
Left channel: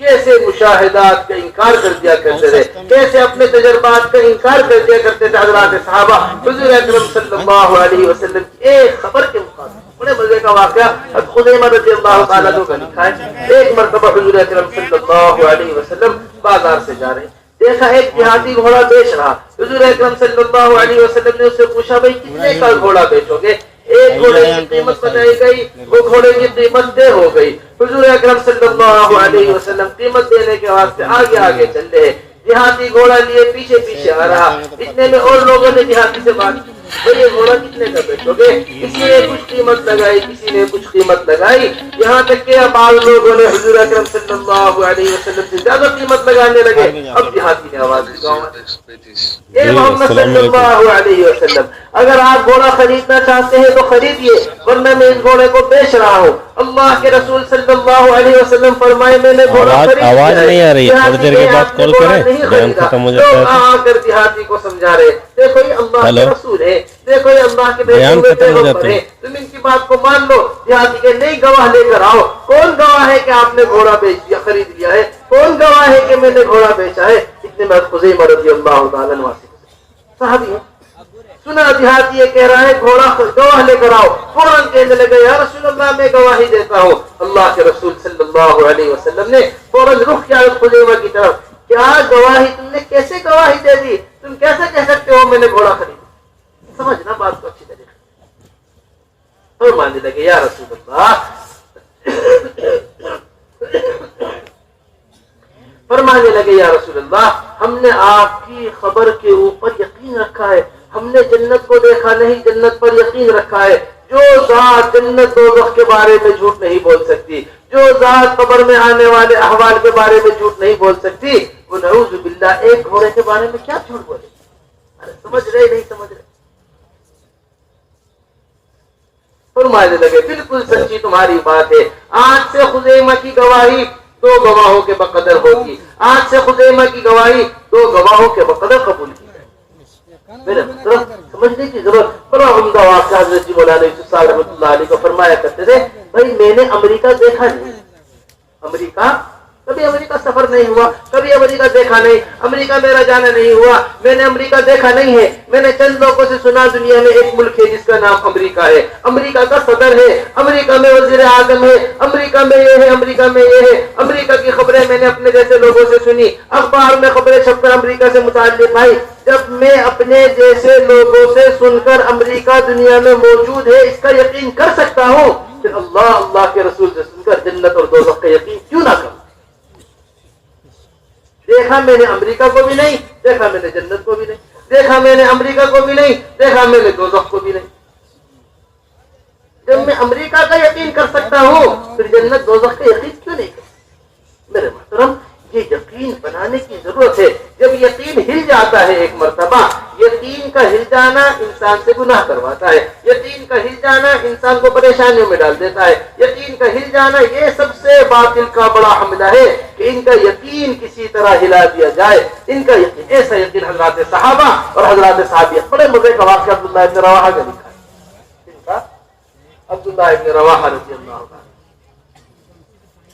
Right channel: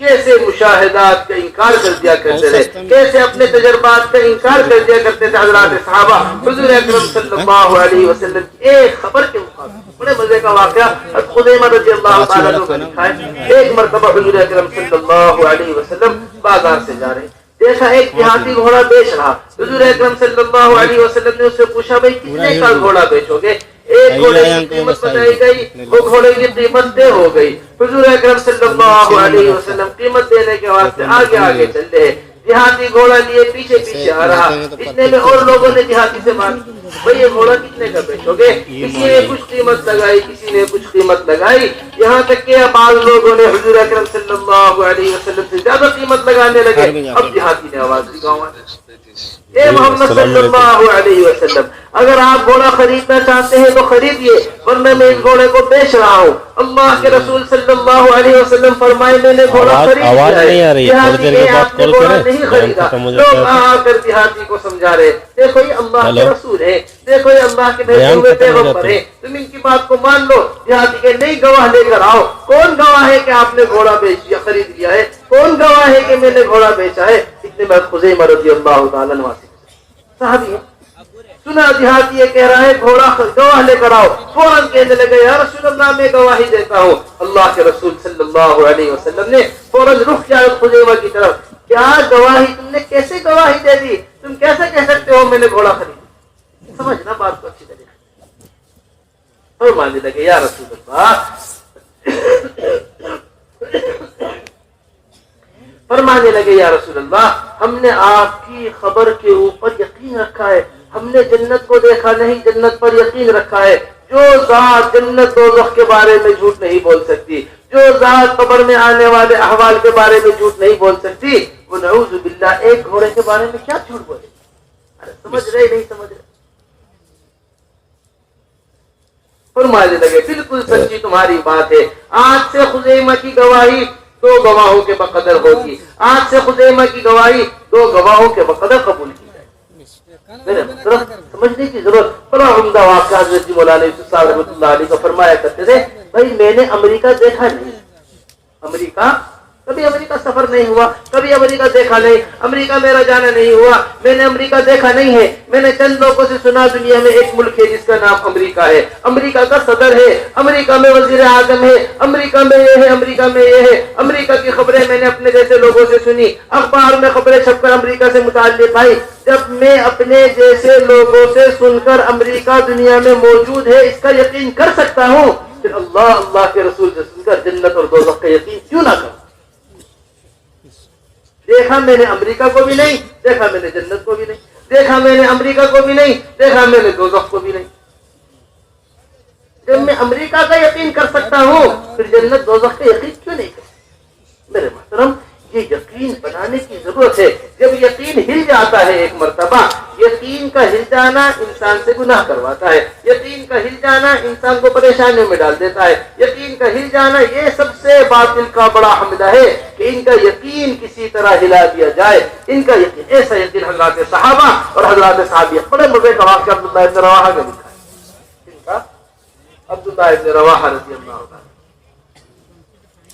کیسے مشاہدات کا انکار کر دیا کرتے تھے، کیسے اپنے تجربات کا انکار کر دیا کرتے تھے حضرات صحابہ حضور اکرم صلی اللہ علیہ وسلم کی ایک خبر کے مقابلے۔ بڑے مزے کا واقعہ خزیمہ رضی اللہ تعالیٰ عنہ کا لکھا ہے، ایک مرتبہ حضور اکرم صلی اللہ علیہ وسلم بازار سے جا رہے، دیکھا ایک دیہاتی گھوڑا بیچ رہا. حضور اکرم صلی اللہ علیہ وسلم نے اس سے پوچھا بھائی کتنے کا گھوڑا بیچو گے؟ ایک گھوڑے کی قیمت بتائی گئی, وہ گھوڑے کی قیمت 10 ہو گئی. حضور اکرم صلی اللہ علیہ وسلم قیمت دینے کے واسطے آگے آگے چل رہے. دیہاتی گھوڑا لیے پیچھے پیچھے آ رہا. اتنے میں اور لوگوں نے دیہاتی سے بات کی, بھائی یہ گھوڑا کتنے کا بیچو گے؟ کسی نے کچھ قیمت لگائی, کسی نے کچھ قیمت لگائی, یہاں تک کہ بعض لوگوں نے حضور اکرم صلی اللہ علیہ وسلم سے زیادہ قیمت لگانے لگے. اب دیہاتی نے آواز دی, اے محمد صلی اللہ علیہ وسلم, اگر آپ گھوڑا خریدنا چاہتے ہیں تو خریدیے, ورنہ میں اس گھوڑے کو بیچ رہا ہوں. اللہ کے رسول صلی اللہ علیہ وسلم فرمائے میں نے گھوڑا خرید لیا ہے. دیہاتی نے آپ نے گھوڑا نہیں خریدا. لوگ آ کر دیہاتی کو سمجھا رہے, دیکھو یہ اللہ کے رسول ہے, دیکھو یہ اللہ کے بھیجے ہوئے پیغمبر ہے, تم ان کی بات کو مان لو. دیہاتی کے نہیں گواہ لے کر آؤ. کون گواہ ہے کہ آپ نے گھوڑا بیچ یا خرید لیا ہے؟ کون گواہ ہے کہ میں نے گھوڑا بیچا ہے؟ اتنے میں خزیمہ رضی اللہ تعالیٰ عنہ صحابی ہے, سنا دیہاتی یہ کہہ رہا ہے گھوڑا گواہ لے کر آؤ. فوراً کہنے لگے یا رسول اللہ میں گواہی دیتا ہوں. اللہ کے رسول صلی اللہ علیہ وسلم نے فوراً رخ کیا خزیمہ کی طرف. کیا گواہی تم نے کیسے گواہی دے دی؟ تم کیسے کہہ سکتے ہو میں نے گھوڑا خریدا؟ سمجھنا بات کو اچھی طریقے اور ماننے لگے یا رسول اللہ, فرمانے لگے یا رسول اللہ ہم نے آپ کی خبر کے اوپر یقین رکھا ہے, ہم نے جنت کو دیکھا نہیں, جنت پر یقین رکھا ہے. جو ذات جنت دوزخ کے بارے میں جھوٹ نہیں بول سکتی, جو ذات قبر میں آنے والے احوال کے بارے میں جھوٹ نہیں بول سکتی, وہ نعوذ باللہ ایک گھوڑے کے بارے میں کیا جھوٹ بولے؟ سمجھ رہے نہیں سمجھ رہے؟ فرمانے لگے بالکل سچی تمہاری بات ہے. آج سے خزیمہ کی گواہی 2 گواہوں کے بقدر ہوگی. آج سے خزیمہ کی گواہی 2 گواہوں کے بقدر قبول کی. سمجھنے کی ضرورت. بڑا عمدہ واقعہ حضرت مولانا یوسف صاحب رحمۃ اللہ علیہ کا فرمایا کرتے تھے, بھائی میں نے امریکہ دیکھا نہیں, امریکہ کبھی امریکہ سفر نہیں ہوا, کبھی امریکہ دیکھا نہیں, امریکہ میرا جانا نہیں ہوا, میں نے امریکہ دیکھا نہیں ہے. میں نے چند لوگوں سے سنا دنیا میں ایک ملک ہے جس کا نام امریکہ ہے, امریکہ کا صدر ہے, امریکہ میں وزیر اعظم ہے, امریکہ میں یہ ہے, امریکہ میں یہ ہے. امریکہ کی خبریں میں نے اپنے جیسے لوگوں سے سنی, اخبار میں خبریں چھپ کر امریکہ سے متعلق آئی. جب میں اپنے جیسے لوگوں سے سن کر امریکہ دنیا میں موجود ہے اس کا یقین کر سکتا ہوں, کہ اللہ کے رسول سے سن کر جنت اور دوزخ کا یقین کیوں نہ کروں؟ دیکھا میں نے امریکہ کو بھی نہیں, دیکھا میں نے جنت کو بھی نہیں, دیکھا میں نے امریکہ کو بھی نہیں, دیکھا میں نے دوزخ کو بھی نہیں. جب میں امریکہ کا یقین کر سکتا ہوں پھر جنت دوزخ کا یقین کیوں نہیں کر سکتا؟ میرے محترم یہ یقین بنانے کی ضرورت ہے. جب یقین ہل جاتا ہے ایک مرتبہ, یقین کا ہل جانا انسان سے گناہ کرواتا ہے, یقین کا ہل جانا انسان کو پریشانیوں میں ڈال دیتا ہے, یقین کا ہل جانا یہ سب سے باطل کا بڑا حملہ ہے کہ ان کا یقین کسی طرح ہلا دیا جائے. ان کا یقین, ایسا یقین حضرات صحابہ اور حضرات صحابیہ. بڑے مزے کا واقعہ عبداللہ ابن رواحہ کا لکھا ہے. عبداللہ ابن رواحہ رضی اللہ عنہ,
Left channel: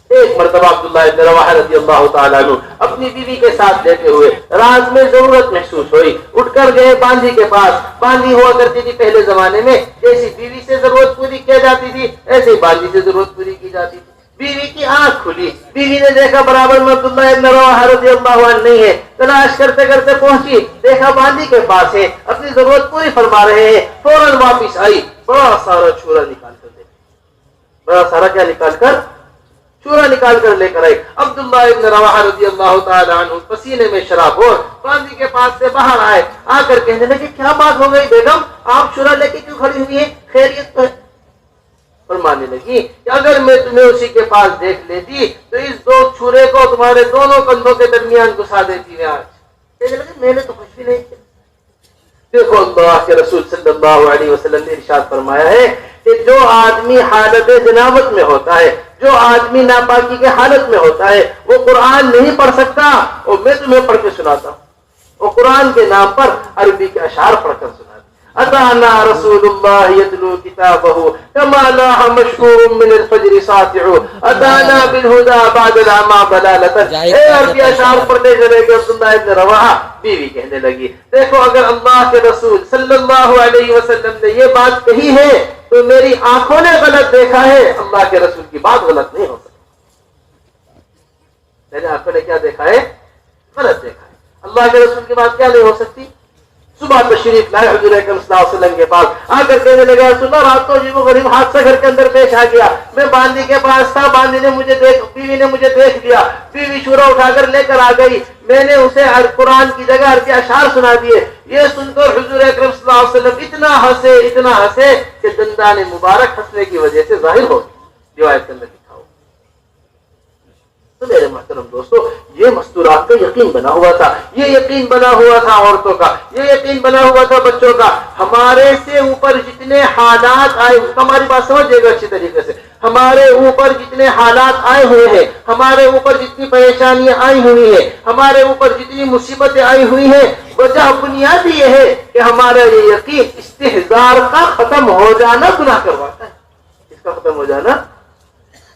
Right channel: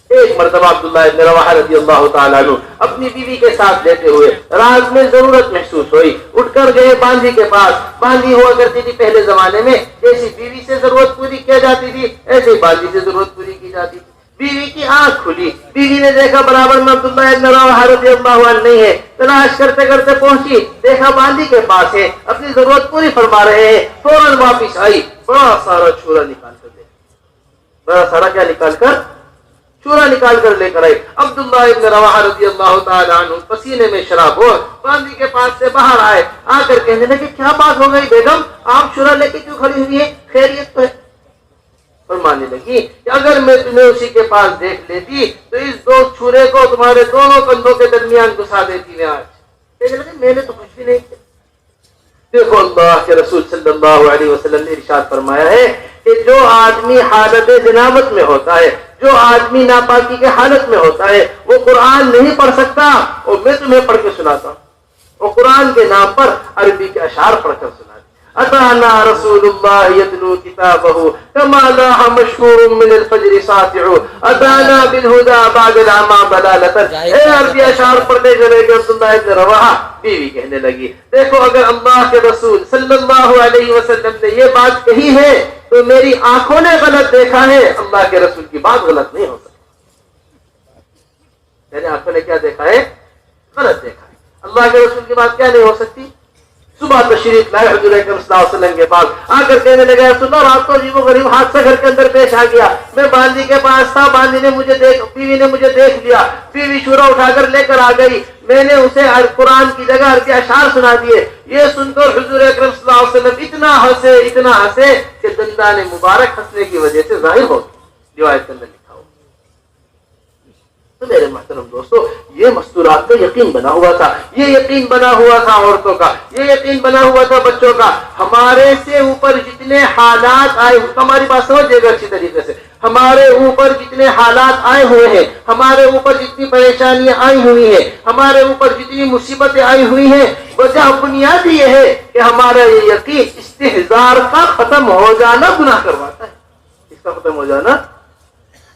ایک مرتبہ عبداللہ ابن رواحہ رضی اللہ تعالیٰ عنہ اپنی بیوی کے ساتھ لیتے ہوئے رات میں ضرورت محسوس ہوئی, اٹھ کر گئے باندھی کے پاس. باندھی ہوا کرتی تھی پہلے زمانے میں, جیسی بیوی سے ضرورت پوری کی جاتی تھی ایسے باندھی سے ضرورت پوری کی جاتی تھی. بیوی کی آنکھ کھلی, بیوی نے دیکھا برابر میں عبداللہ ابن رواحہ رضی اللہ عنہ نہیں ہے. تلاش کرتے کرتے پہنچی, دیکھا باندھی کے پاس ہے, اپنی ضرورت پوری فرما رہے ہیں. فوراً واپس آئی, بڑا سارا چھوڑا نکال کر دے, بڑا سارا کیا نکال کر, چورا نکال کر لے کر آئے. عبداللہ ابن رواحہ رضی اللہ تعالیٰ عنہ پسینے میں شراب ہو باندھی کے پاس سے باہر آئے. آ کر کہنے لگے کیا بات ہو گئی بیگم, آپ چورا لے کے کیوں کھڑی ہوئی ہے, خیریت تو ہے؟ فرمانے لگی کہ اگر میں تمہیں اسی کے پاس دیکھ لیتی تو اس 2 چھرے کو تمہارے دونوں کندھوں کے درمیان گھسا دیتی میں آج. کہنے لگے میں نے تو کچھ بھی نہیں کیا. دیکھو اللہ کے رسول صلی اللہ علیہ وسلم نے ارشاد فرمایا ہے کہ جو آدمی حالت جنابت میں ہوتا ہے, جو آدمی ناپاکی کے حالت میں ہوتا ہے, وہ قرآن نہیں پڑھ سکتا. اور میں تمہیں پڑھ کے سناتا ہوں, وہ قرآن کے نام پر عربی کے اشعار پڑھ کر سناتا. اتانا رسول اللہ یتلو کتابہ کما لاح مشکور من الفجر ساطع اتانا بالہدى بعد العمى ضلالة. اے عربی اشعار پڑھنے چلے گئے عبداللہ ابن رواحہ. بیوی کہنے لگی دیکھو اگر اللہ کے رسول صلی اللہ علیہ وسلم نے یہ بات کہی ہے تو میری آنکھوں نے غلط دیکھا ہے, اللہ کے رسول کی بات غلط نہیں ہو سکتی. میری آنکھوں نے کیا دیکھا ہے, غلط دیکھا ہے. اللہ کے رسول کی بات کیا نہیں ہو سکتی؟ صبح تشریف لائے حضور اکرم صلی اللہ علیہ وسلم کے پاس، آ کر کہنے لگا رسول اللہ رات کو عجیب و غریب حادثہ گھر کے اندر پیش آ گیا، میں باندی کے پاس تھا، باندی نے مجھے بیوی نے مجھے دیکھ لیا، بیوی شورا اٹھا کر لے کر آ گئی، میں نے اسے قرآن کی جگہ عربی اشعار سنا دیے۔ یہ سن کر حضور اکرم صلی اللہ علیہ وسلم اتنا ہنسے کہ دندان مبارک ہنسنے کی وجہ سے ظاہر ہو گئی، روایت کے اندر لکھا ہو۔ تو میرے محترم دوستو، یہ مستورات کا یقین بنا ہوا تھا، یہ یقین بنا ہوا تھا عورتوں کا، یہ یقین بنا ہوا تھا بچوں کا۔ ہمارے سے اوپر جتنے حالات آئے، ہماری بات سمجھے گا اچھی طریقے سے، ہمارے اوپر جتنے حالات آئے ہوئے ہیں، ہمارے اوپر جتنی پریشانیاں آئی ہوئی ہیں، ہمارے اوپر جتنی مصیبتیں آئی ہوئی ہیں، وجہ بنیادی یہ ہے کہ ہمارا یہ یقین استحضار کا ختم ہو جانا گناہ کرواتا ہے۔ اس کا ختم ہو جانا،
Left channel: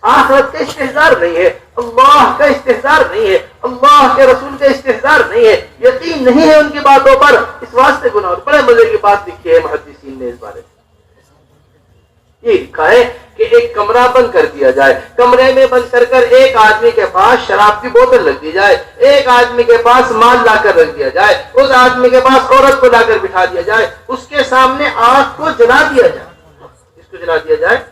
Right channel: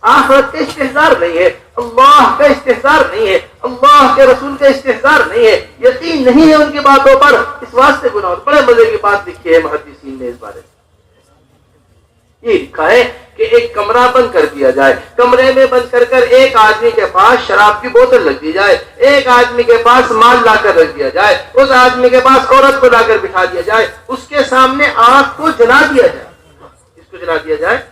آخرت کا استحضار نہیں ہے، اللہ کا استحضار نہیں ہے، اللہ کے رسول کا استحضار نہیں ہے، یقین نہیں ہے ان کی باتوں پر، اس واسطے گناہ ہوتا ہے۔ بڑے مزے کی بات لکھی ہے محدثین نے اس بارے میں، یہ لکھا ہے کہ ایک کمرہ بند کر دیا جائے، کمرے میں بند کر ایک آدمی کے پاس شراب کی بوتل رکھ دی جائے، ایک آدمی کے پاس مال لا کر رکھ دیا جائے، اس آدمی کے پاس عورت کو لا کر بٹھا دیا جائے، اس کے سامنے آنکھ کو جلا دیا جائے، اس کو جلا دیا جائے،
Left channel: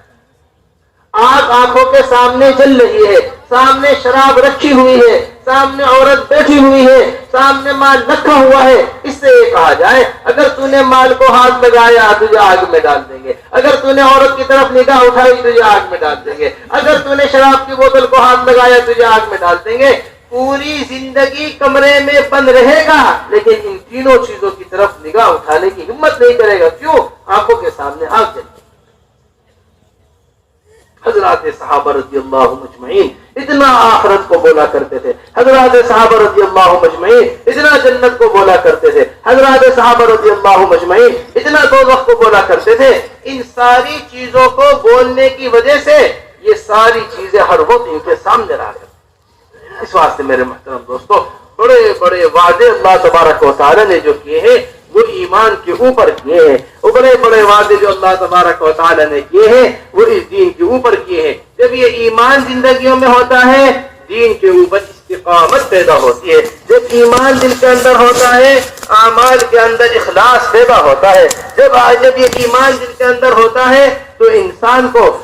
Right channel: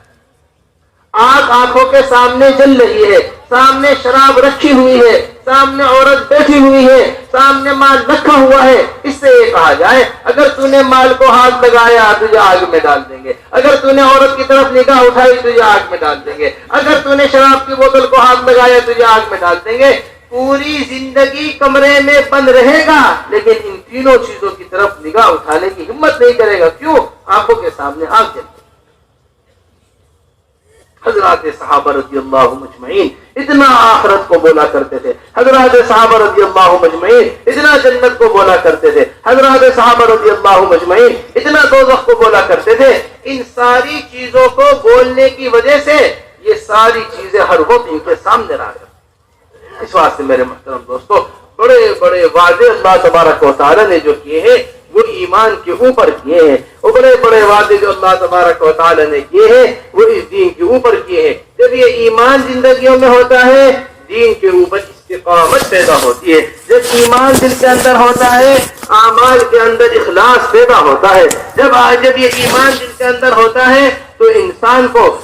آگ آنکھوں کے سامنے جل رہی ہے، سامنے شراب رکھی ہوئی ہے، سامنے عورت بیٹھی ہوئی ہے، سامنے مال رکھا ہوا ہے، اس سے یہ کہا جائے اگر تو نے مال کو ہاتھ لگایا تجھے آگ میں ڈال دیں گے، اگر تو نے عورت کی طرف نگاہ اٹھائی تجھے آگ میں ڈال دیں گے، اگر تو نے شراب کی بوتل کو ہاتھ لگایا تجھے آگ میں ڈال دیں گے۔ پوری زندگی کمرے میں بند رہے گا لیکن ان تینوں چیزوں کی طرف نگاہ اٹھانے کی ہمت نہیں کرے گا، کیوں؟ آنکھوں کے سامنے آگ جل۔ حضرات صحابہ رضی اللہ مجمعین اتنا آخرت کو بولا کرتے تھے، حضرات صحابہ رضی اللہ مجمعین اتنا جنت کو بولا کرتے تھے، حضرات صحابہ رضی اللہ مجمعین اتنا دوزخ کو بولا کرتے تھے۔ ان ساری چیزوں کو بولنے کی وجہ سے یہ ساری چیزیں ہر وقت ان کے سامنے رہا کرتی۔ اس واسطے میرے محترم دوستو، بڑے بڑے وعدے اللہ تبارک و تعالی نے جو کیے ہیں وہ ایمان کے اوپر کیے ہیں، وہ بڑے بڑے وعدے جو اللہ تبارک و تعالی نے کیے ہیں وہ اس دین کے اوپر کیے ہیں۔ جب یہ ایمان زندگیوں میں ہوتا ہے دین کے اوپر استقامت پیدا ہوتی ہے، جب ایمان دل کے اندر ہوتا ہے اعمال کے اندر اخلاص پیدا ہوتا ہے، جب یہ ایمان دل کے اندر ہوتا ہے تو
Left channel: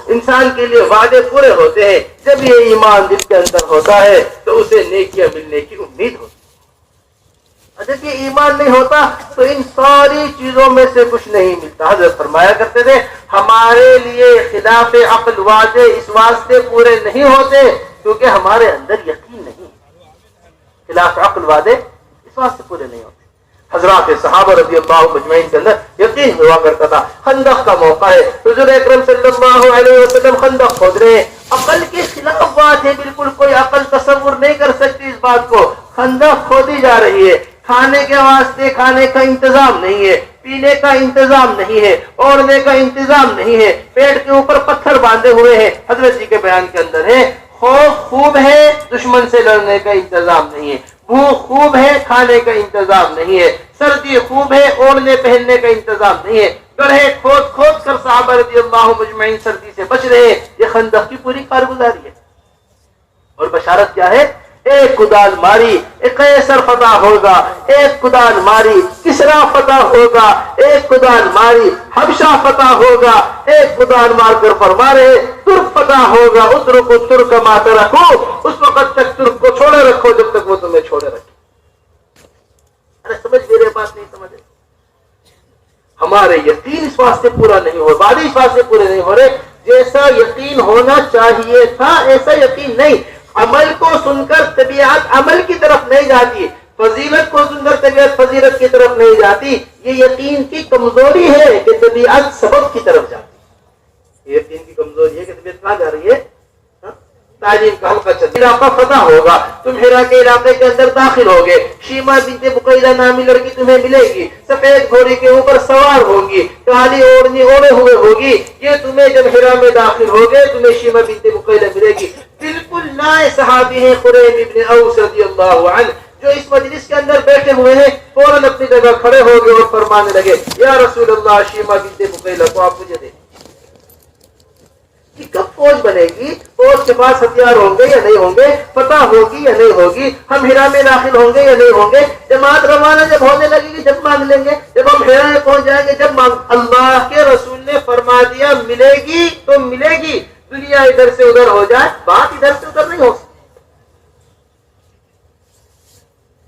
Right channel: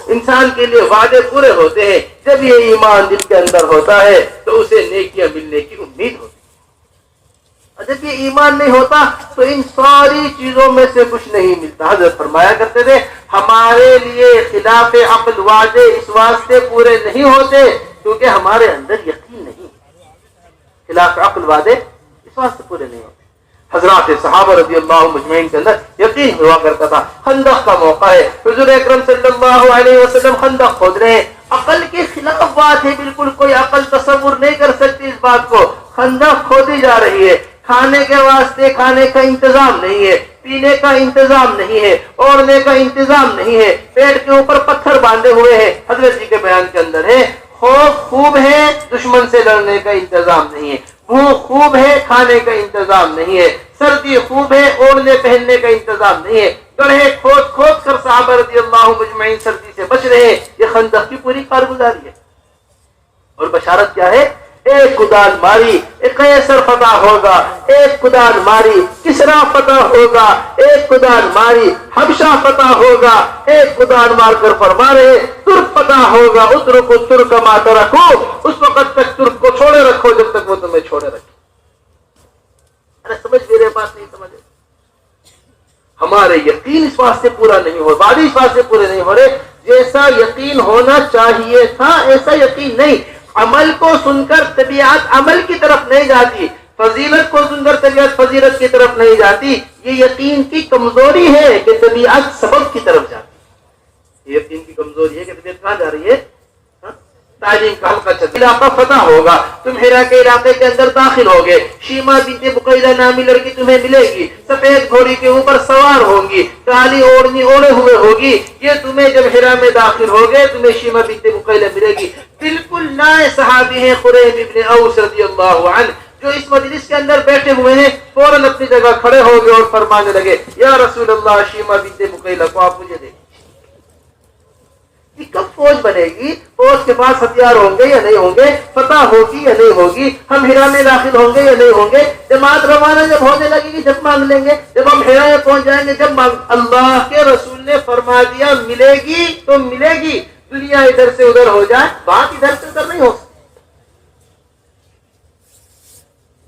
انسان کے لیے وعدے پورے ہوتے ہیں، جب یہ ایمان دل کے اندر ہوتا ہے تو اسے نیکیاں ملنے کی امید ہوتی ہے۔ جب یہ ایمان نہیں ہوتا تو ان ساری چیزوں میں سے کچھ نہیں ملتا۔ حضرت فرمایا کرتے تھے ہمارے لیے خلاف عقل وعدے اس واسطے پورے نہیں ہوتے کیونکہ ہمارے اندر یقین نہیں ہے، خلاف عقل وعدے اس واسطے پورے نہیں ہوتے۔ حضرات صحابہ رضی اللہ مجمعین کے اندر یقین ہوا کرتا تھا۔ خندق کا موقع ہے، حضور اکرم صلی اللہ علیہ وسلم خندق کھود رہے ہیں، عقل کے خلاف بات ہے، بالکل کوئی عقل تصور نہیں کر سکتی اس بات کو۔ خندق کھودی جا رہی ہے، کھانے کے واسطے کھانے کا انتظام نہیں ہے، پینے کا انتظام نہیں ہے، اوڑھنے کا انتظام نہیں ہے، پیٹ کے اوپر پتھر باندھے ہوئے ہیں۔ حضرت جی کے بیان کے اندر ہے خوف خوب ہے، دشمن سے لڑنے کا انتظام نہیں ہے، بھوک خوب ہے، کھانے کا انتظام نہیں ہے، سردی خوب ہے، اوڑھنے پہننے کا انتظام نہیں ہے، گڑھے کھود کھود کر صحابہ رضی اللہ مجمعین سردی سے بچ رہے ہیں۔ یہ خندق کی پوری کارگزاری ہے، اور بشارت کیا ہے؟ ایک کدال ماری قیصر فتح ہوگا، ایک کدال ماری کسرا فتح ہوگا، ایک کدال ماری حبشہ فتح ہوگا، ایک کدال مار کر فرمارے ترک فتح ہوگا۔ اترک ترک مات رکھو، اس وقت تک ترک کو چھوڑے رکھو جب تک وہ تمہیں چھوڑے رکھے۔ ارے سمجھ میرے بات نہیں سمجھ؟ ہمارے یقین اس واسطے پورا نہیں ہو، بعد اس واسطے پورے نہیں ہو رہے جیسا یقین ہونا چاہیے تھا ایسا یقین نہیں۔ عمل کو سن کر طبیعت عمل کی طرف نہیں جاتی، فضیلت کو سن کر طبیعت فضیلت کی طرف نہیں جاتی۔ یہ یقین کی کمزوری ہے کہ طبیعت سبب کی طرف جاتی ہے۔ یہ یقین کی کمزوری ہے کہ طبیعت کہاں جا رہی ہے؟ تعلیم کا حلقہ چل علاقہ فتح ہوگا، تم ہیرا کے علاقے کے اندر داخل ہوگے، شیما بنت بقیلہ نامی لڑکی تمہیں ملے گی، سفید گھوڑی کے اوپر سوار ہوگی، کالی اوڑھنی اوڑھے ہوئے ہوگی، یہ تمہیں جب ہیرا میں داخل ہوگے تمہیں شیما بنت بقیلہ ملے گی۔ بالکل نئے صحابی ہیں قریب ابن اوس رضی اللہ عنہ، جو اس مجلس کے اندر بیٹھے ہوئے ہیں، فوراً اپنی جگہ کھڑے ہو گئے اور فرمانے لگے یا رسول اللہ شیما بنت بقیلہ کو آپ مجھے دیں۔ کہ کب فوج بنے گی، فوج کے پاس ہتھیار ہوں گے یا نہیں ہوں گے، فتح ہوگی یا نہیں ہوگی، ہم ہرا میں داخل ہوں گے یا نہیں ہوں گے، جماعت روانہ جب ہونے لگے گی جب مانگ لیں گے، جب ہم ہرا میں پہنچ جائیں گے جب اللہ کے رسول نے فرما دیا ملے گی تو ملے گی، دنیا ادھر سے ادھر ہو جائے بات ادھر سے ادھر نہیں ہو سکتی۔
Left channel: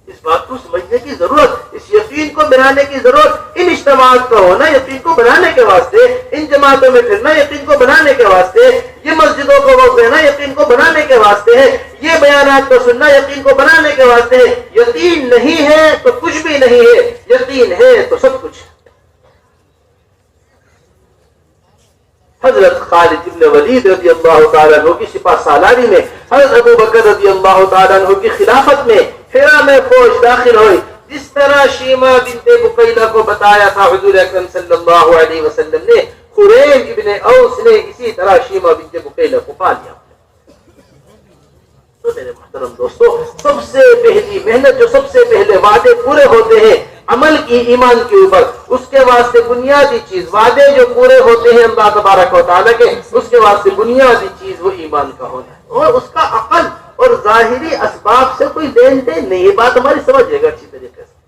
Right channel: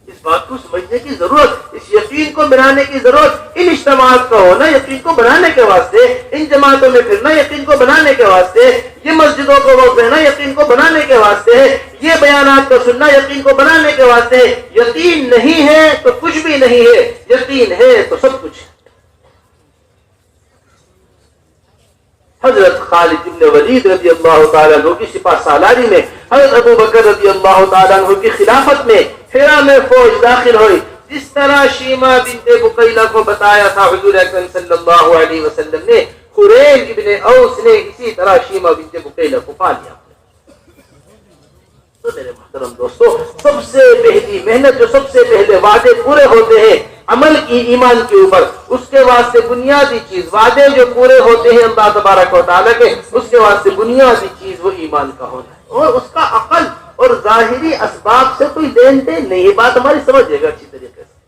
اس بات کو سمجھنے کی ضرورت، اس یقین کو بنانے کی ضرورت، ان اجتماعات کا ہونا یقین کو بنانے کے واسطے، ان جماعتوں میں پھرنا یقین کو بنانے کے واسطے، یہ مسجدوں کو وقت دینا یقین کو بنانے کے واسطے ہے، یہ بیانات کو سننا یقین کو بنانے کے واسطے ہے۔ یقین نہیں ہے تو کچھ بھی نہیں ہے، یقین ہے تو سب کچھ ہے۔ حضرت خالد بن ولید رضی اللہ تعالیٰ عنہ کی سپہ سالاری میں، حضرت ابو بکر رضی اللہ تعالیٰ عنہ کی خلافت میں ہرا میں فوج داخل ہوئی، جس طرح شیما بنت بقیلہ کو بتایا تھا حضور اکرم صلی اللہ علیہ وسلم نے، خریج ابن اوس نے اسی طرح شیما بنت بقیلہ کو پا لیا۔ تو میرے محترم دوستو، سب سے پہلی محنت، جو سب سے پہلے وعدے پورے ہوتے ہیں عمل کی، ایمان کے اوپر، اس کے واسطے بنیادی چیز، وعدے جو پورے ہوتے ہیں اللہ تبارک و تعالیٰ کے، اس کے واسطے بنیادی چیز وہ ایمان کا ہونا ہے، اور اس کا عقل اور ظاہری اسباب سے کوئی دین دین نہیں ہے۔ بات ہماری سمجھے گا اچھی طریقے سے۔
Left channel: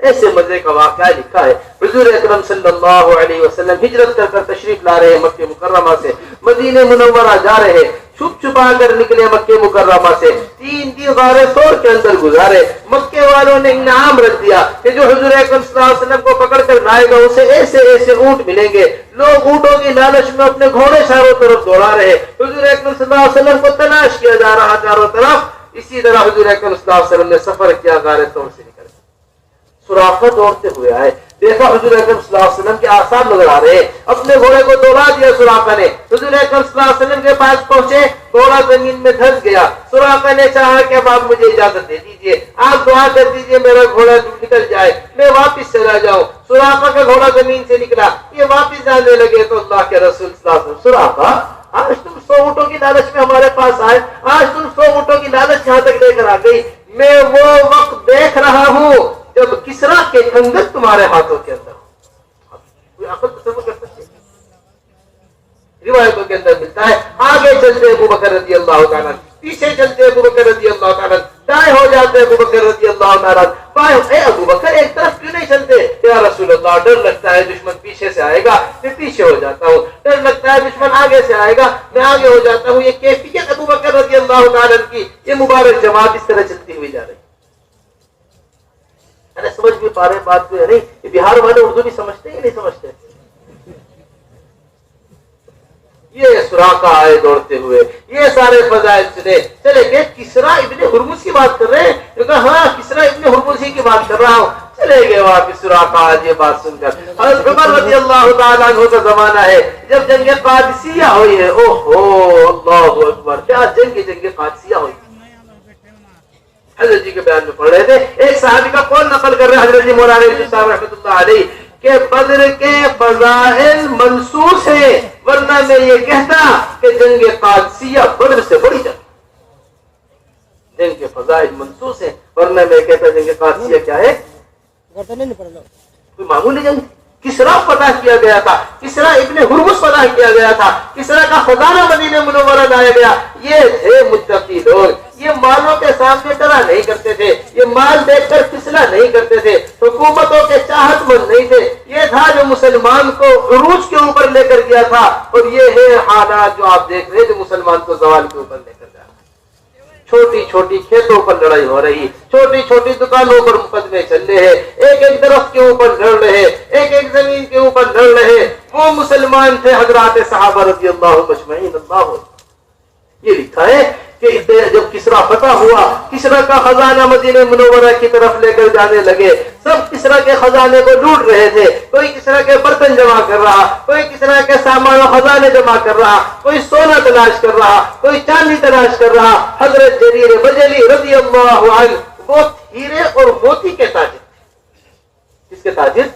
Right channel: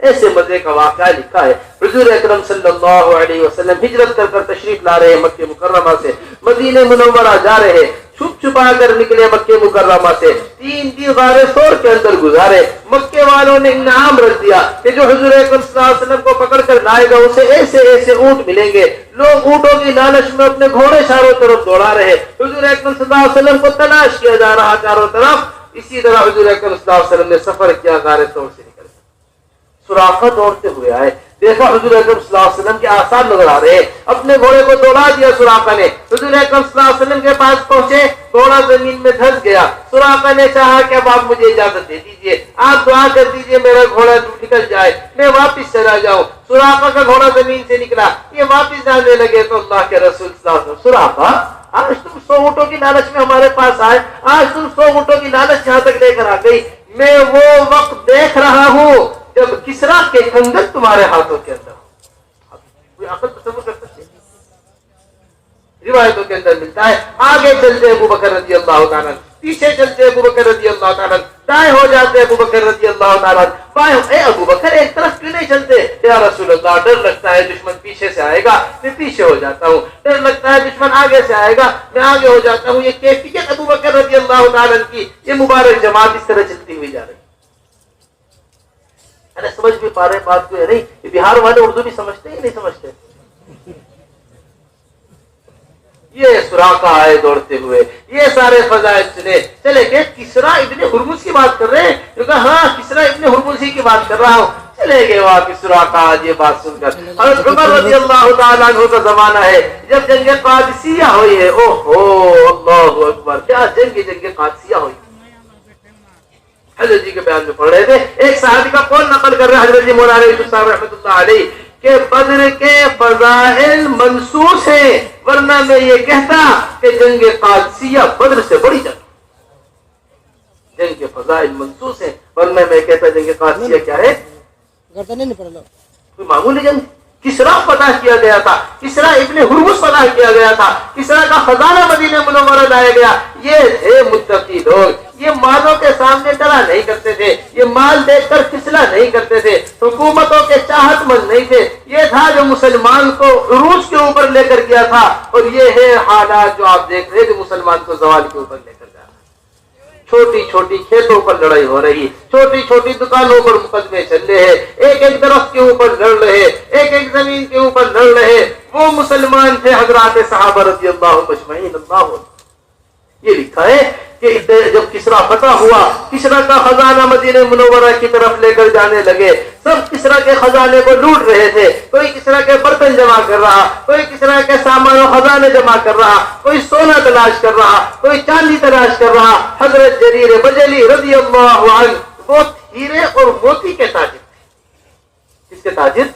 ایسے مزے کا واقعہ لکھا ہے، حضور اکرم صلی اللہ علیہ وسلم ہجرت کر تشریف لا رہے ہیں، مکہ مکرمہ سے مدینہ منورہ جا رہے ہیں، چھپ چھپا کر نکلے مکہ مکرمہ سے، 3 دن غار ثور کے اندر گزارے۔ مکے والوں نے انعام رکھ دیا کہ جو حضور اکرم صلی اللہ علیہ وسلم کو پکڑ کر لائے گا اسے ایسے ایسے اونٹ ملیں گے۔ لوگ اونٹوں کی لالچ میں اپنے گھوڑے چاروں طرف دوڑا رہے، حضور اکرم صلی اللہ علیہ وسلم کو تلاش کیا جا رہا چاروں طرف۔ اسی طرح حضور اکرم صلی اللہ علیہ وسلم نے سفر کیا، غار ثور سے نکل، سراقہ دوڑتے ہوئے آئے، دیکھا حضور اکرم صلی اللہ علیہ وسلم کے آثار نظر آ رہے ہیں، اپنے گھوڑے کو دوڑا دیا سراقہ نے، حضور اکرم صلی اللہ علیہ وسلم کے پاس پہنچے، گھوڑا زمین میں دھس گیا۔ سراقہ نے چاہا کہ اب آپ مجھے اجازت دے دیجئے، آپ دعا کر دیجئے میرا گھوڑا نکل جائے، میں واپس چلا جاؤں۔ سراقہ کا گھوڑا زمین سے نکلا، یہ واپس جانے لگے تو اللہ کے رسول صلی اللہ علیہ وسلم، سراقہ آج تم 100 اونٹوں کی لالچ میں ہمارے پاس آئے، آج تم 100 اونٹوں کی لالچ یہاں تک لے کر آ گئی، میں وہ وقت دیکھ رہا ہوں جب کسرا کے کنگن تمہارے ہاتھوں کے اندر ہو۔ کوئی عقل تصور کر سکتے؟ روایتوں کے اندر ملتا ہے، آگے چلتے ابو بکر رضی اللہ تعالیٰ، پیچھے چلتے ابو بکر رضی اللہ تعالیٰ، دائیں ہو جاتے ابو بکر رضی اللہ تعالیٰ، بائیں، اے ابو بکر ایک طرف کیوں نہیں چلتے؟ یا رسول اللہ ڈر لگتا ہے دشمن پیچھے سے آئے گا، میں پیچھے ہو جاتا ہوں، ڈر لگتا ہے دشمن آگے سے آئے گا، میں آگے ہو جاتا ہوں۔ یہ کیفیت ابو بکر رضی اللہ تعالیٰ کی، یہ مبارک جماعت اس طرح چلتی ہوئی جا رہی ہے۔ سمجھ بھی پا رہے بات کو یا نہیں؟ یہ بہار والے اردو بھی سمجھتے ہیں نہیں سمجھتے؟ یہ سراقہ آئے دوڑتے ہوئے، یہ سارے فضائل سنے، چلے کہ کسرا ابن ہرمز کی بات کر رہے ہیں، کہا ہاں کسرا ابن ہرمز ہی کی بات کر رہا ہوں، چلے گئے واپس سراقہ آج یہ بات سن کر۔ حضرت عمر رضی اللہ تعالیٰ عنہ کا زمانہ ہے جب جنگ قادسیہ ہوئی ہے، اوہو اللہ اکبر، کیا جنگ قادسیہ ہوئی۔ حضرت جی کے بیان میں پڑھ رہے تھے، ایک صحابی کا قول نقل کر رہے حضرت جی مولانا یوسف صاحب رحمۃ اللہ علیہ کہ بدر کے فضائل منصوص ہیں، ورنہ میں یہ کہتا کہ جنگ قادسیہ بدر سے بڑی جنگ، جنگ کے فضائل منصوص ہیں، ورنہ میں کہتا جنگ قادسیہ کیا ہے؟ کوئی معمولی جنگ۔ کسرا فتح کیا گیا تھا، کسرا ابن ہرمز فتح کیا گیا تھا، کسرا کا خزانہ مدینہ منورہ لایا گیا۔ یہ تھے متقی لوگ، یہ مالوں کے سامنے ڈرا نہیں کرتے تھے، یہ مال دیکھ کر پھسلا نہیں کرتے تھے، حکومتوں کے چاہت مند نہیں تھے۔ یہ تھا جو مسلمان کو عروج کے اوپر لے کر گیا تھا، اور یہ ہے حالات جو آپ دیکھ رہے ہیں کہ مسلمان کو زوال کے اوپر لے کر گیا۔ چھوٹی چھوٹی کھیتوں پر لڑائی ہو رہی، چھوٹی چھوٹی دکانوں پر مقدمے چل رہے ہیں، ایک ایک درخت کے اوپر لڑ رہے، ایک ایک زمین کے اوپر لڑ رہے۔ وہ مسلمان تھے حضرات صحابہ رضی اللہ مجمعین۔ اللہ یہ لکھا ہے کہ جب کسرا فتح ہوا، کسرا کا خزانہ مدینہ منورہ کی طرف لے کر جانے لگے، سب کسرا کے خزانے کو لوٹ رہے تھے، کوئی کسرا کے برتن جمع کر رہا، کوئی کسرا کے سامان و خزانے جمع کر رہا، کوئی سونا تلاش کر رہا، کوئی چاندی تلاش کر رہا۔ حضرت جریر بجلی رضی اللہ عنہ وہ ہیرے اور موتی کے تاجر تھے۔ کس کے تاجر؟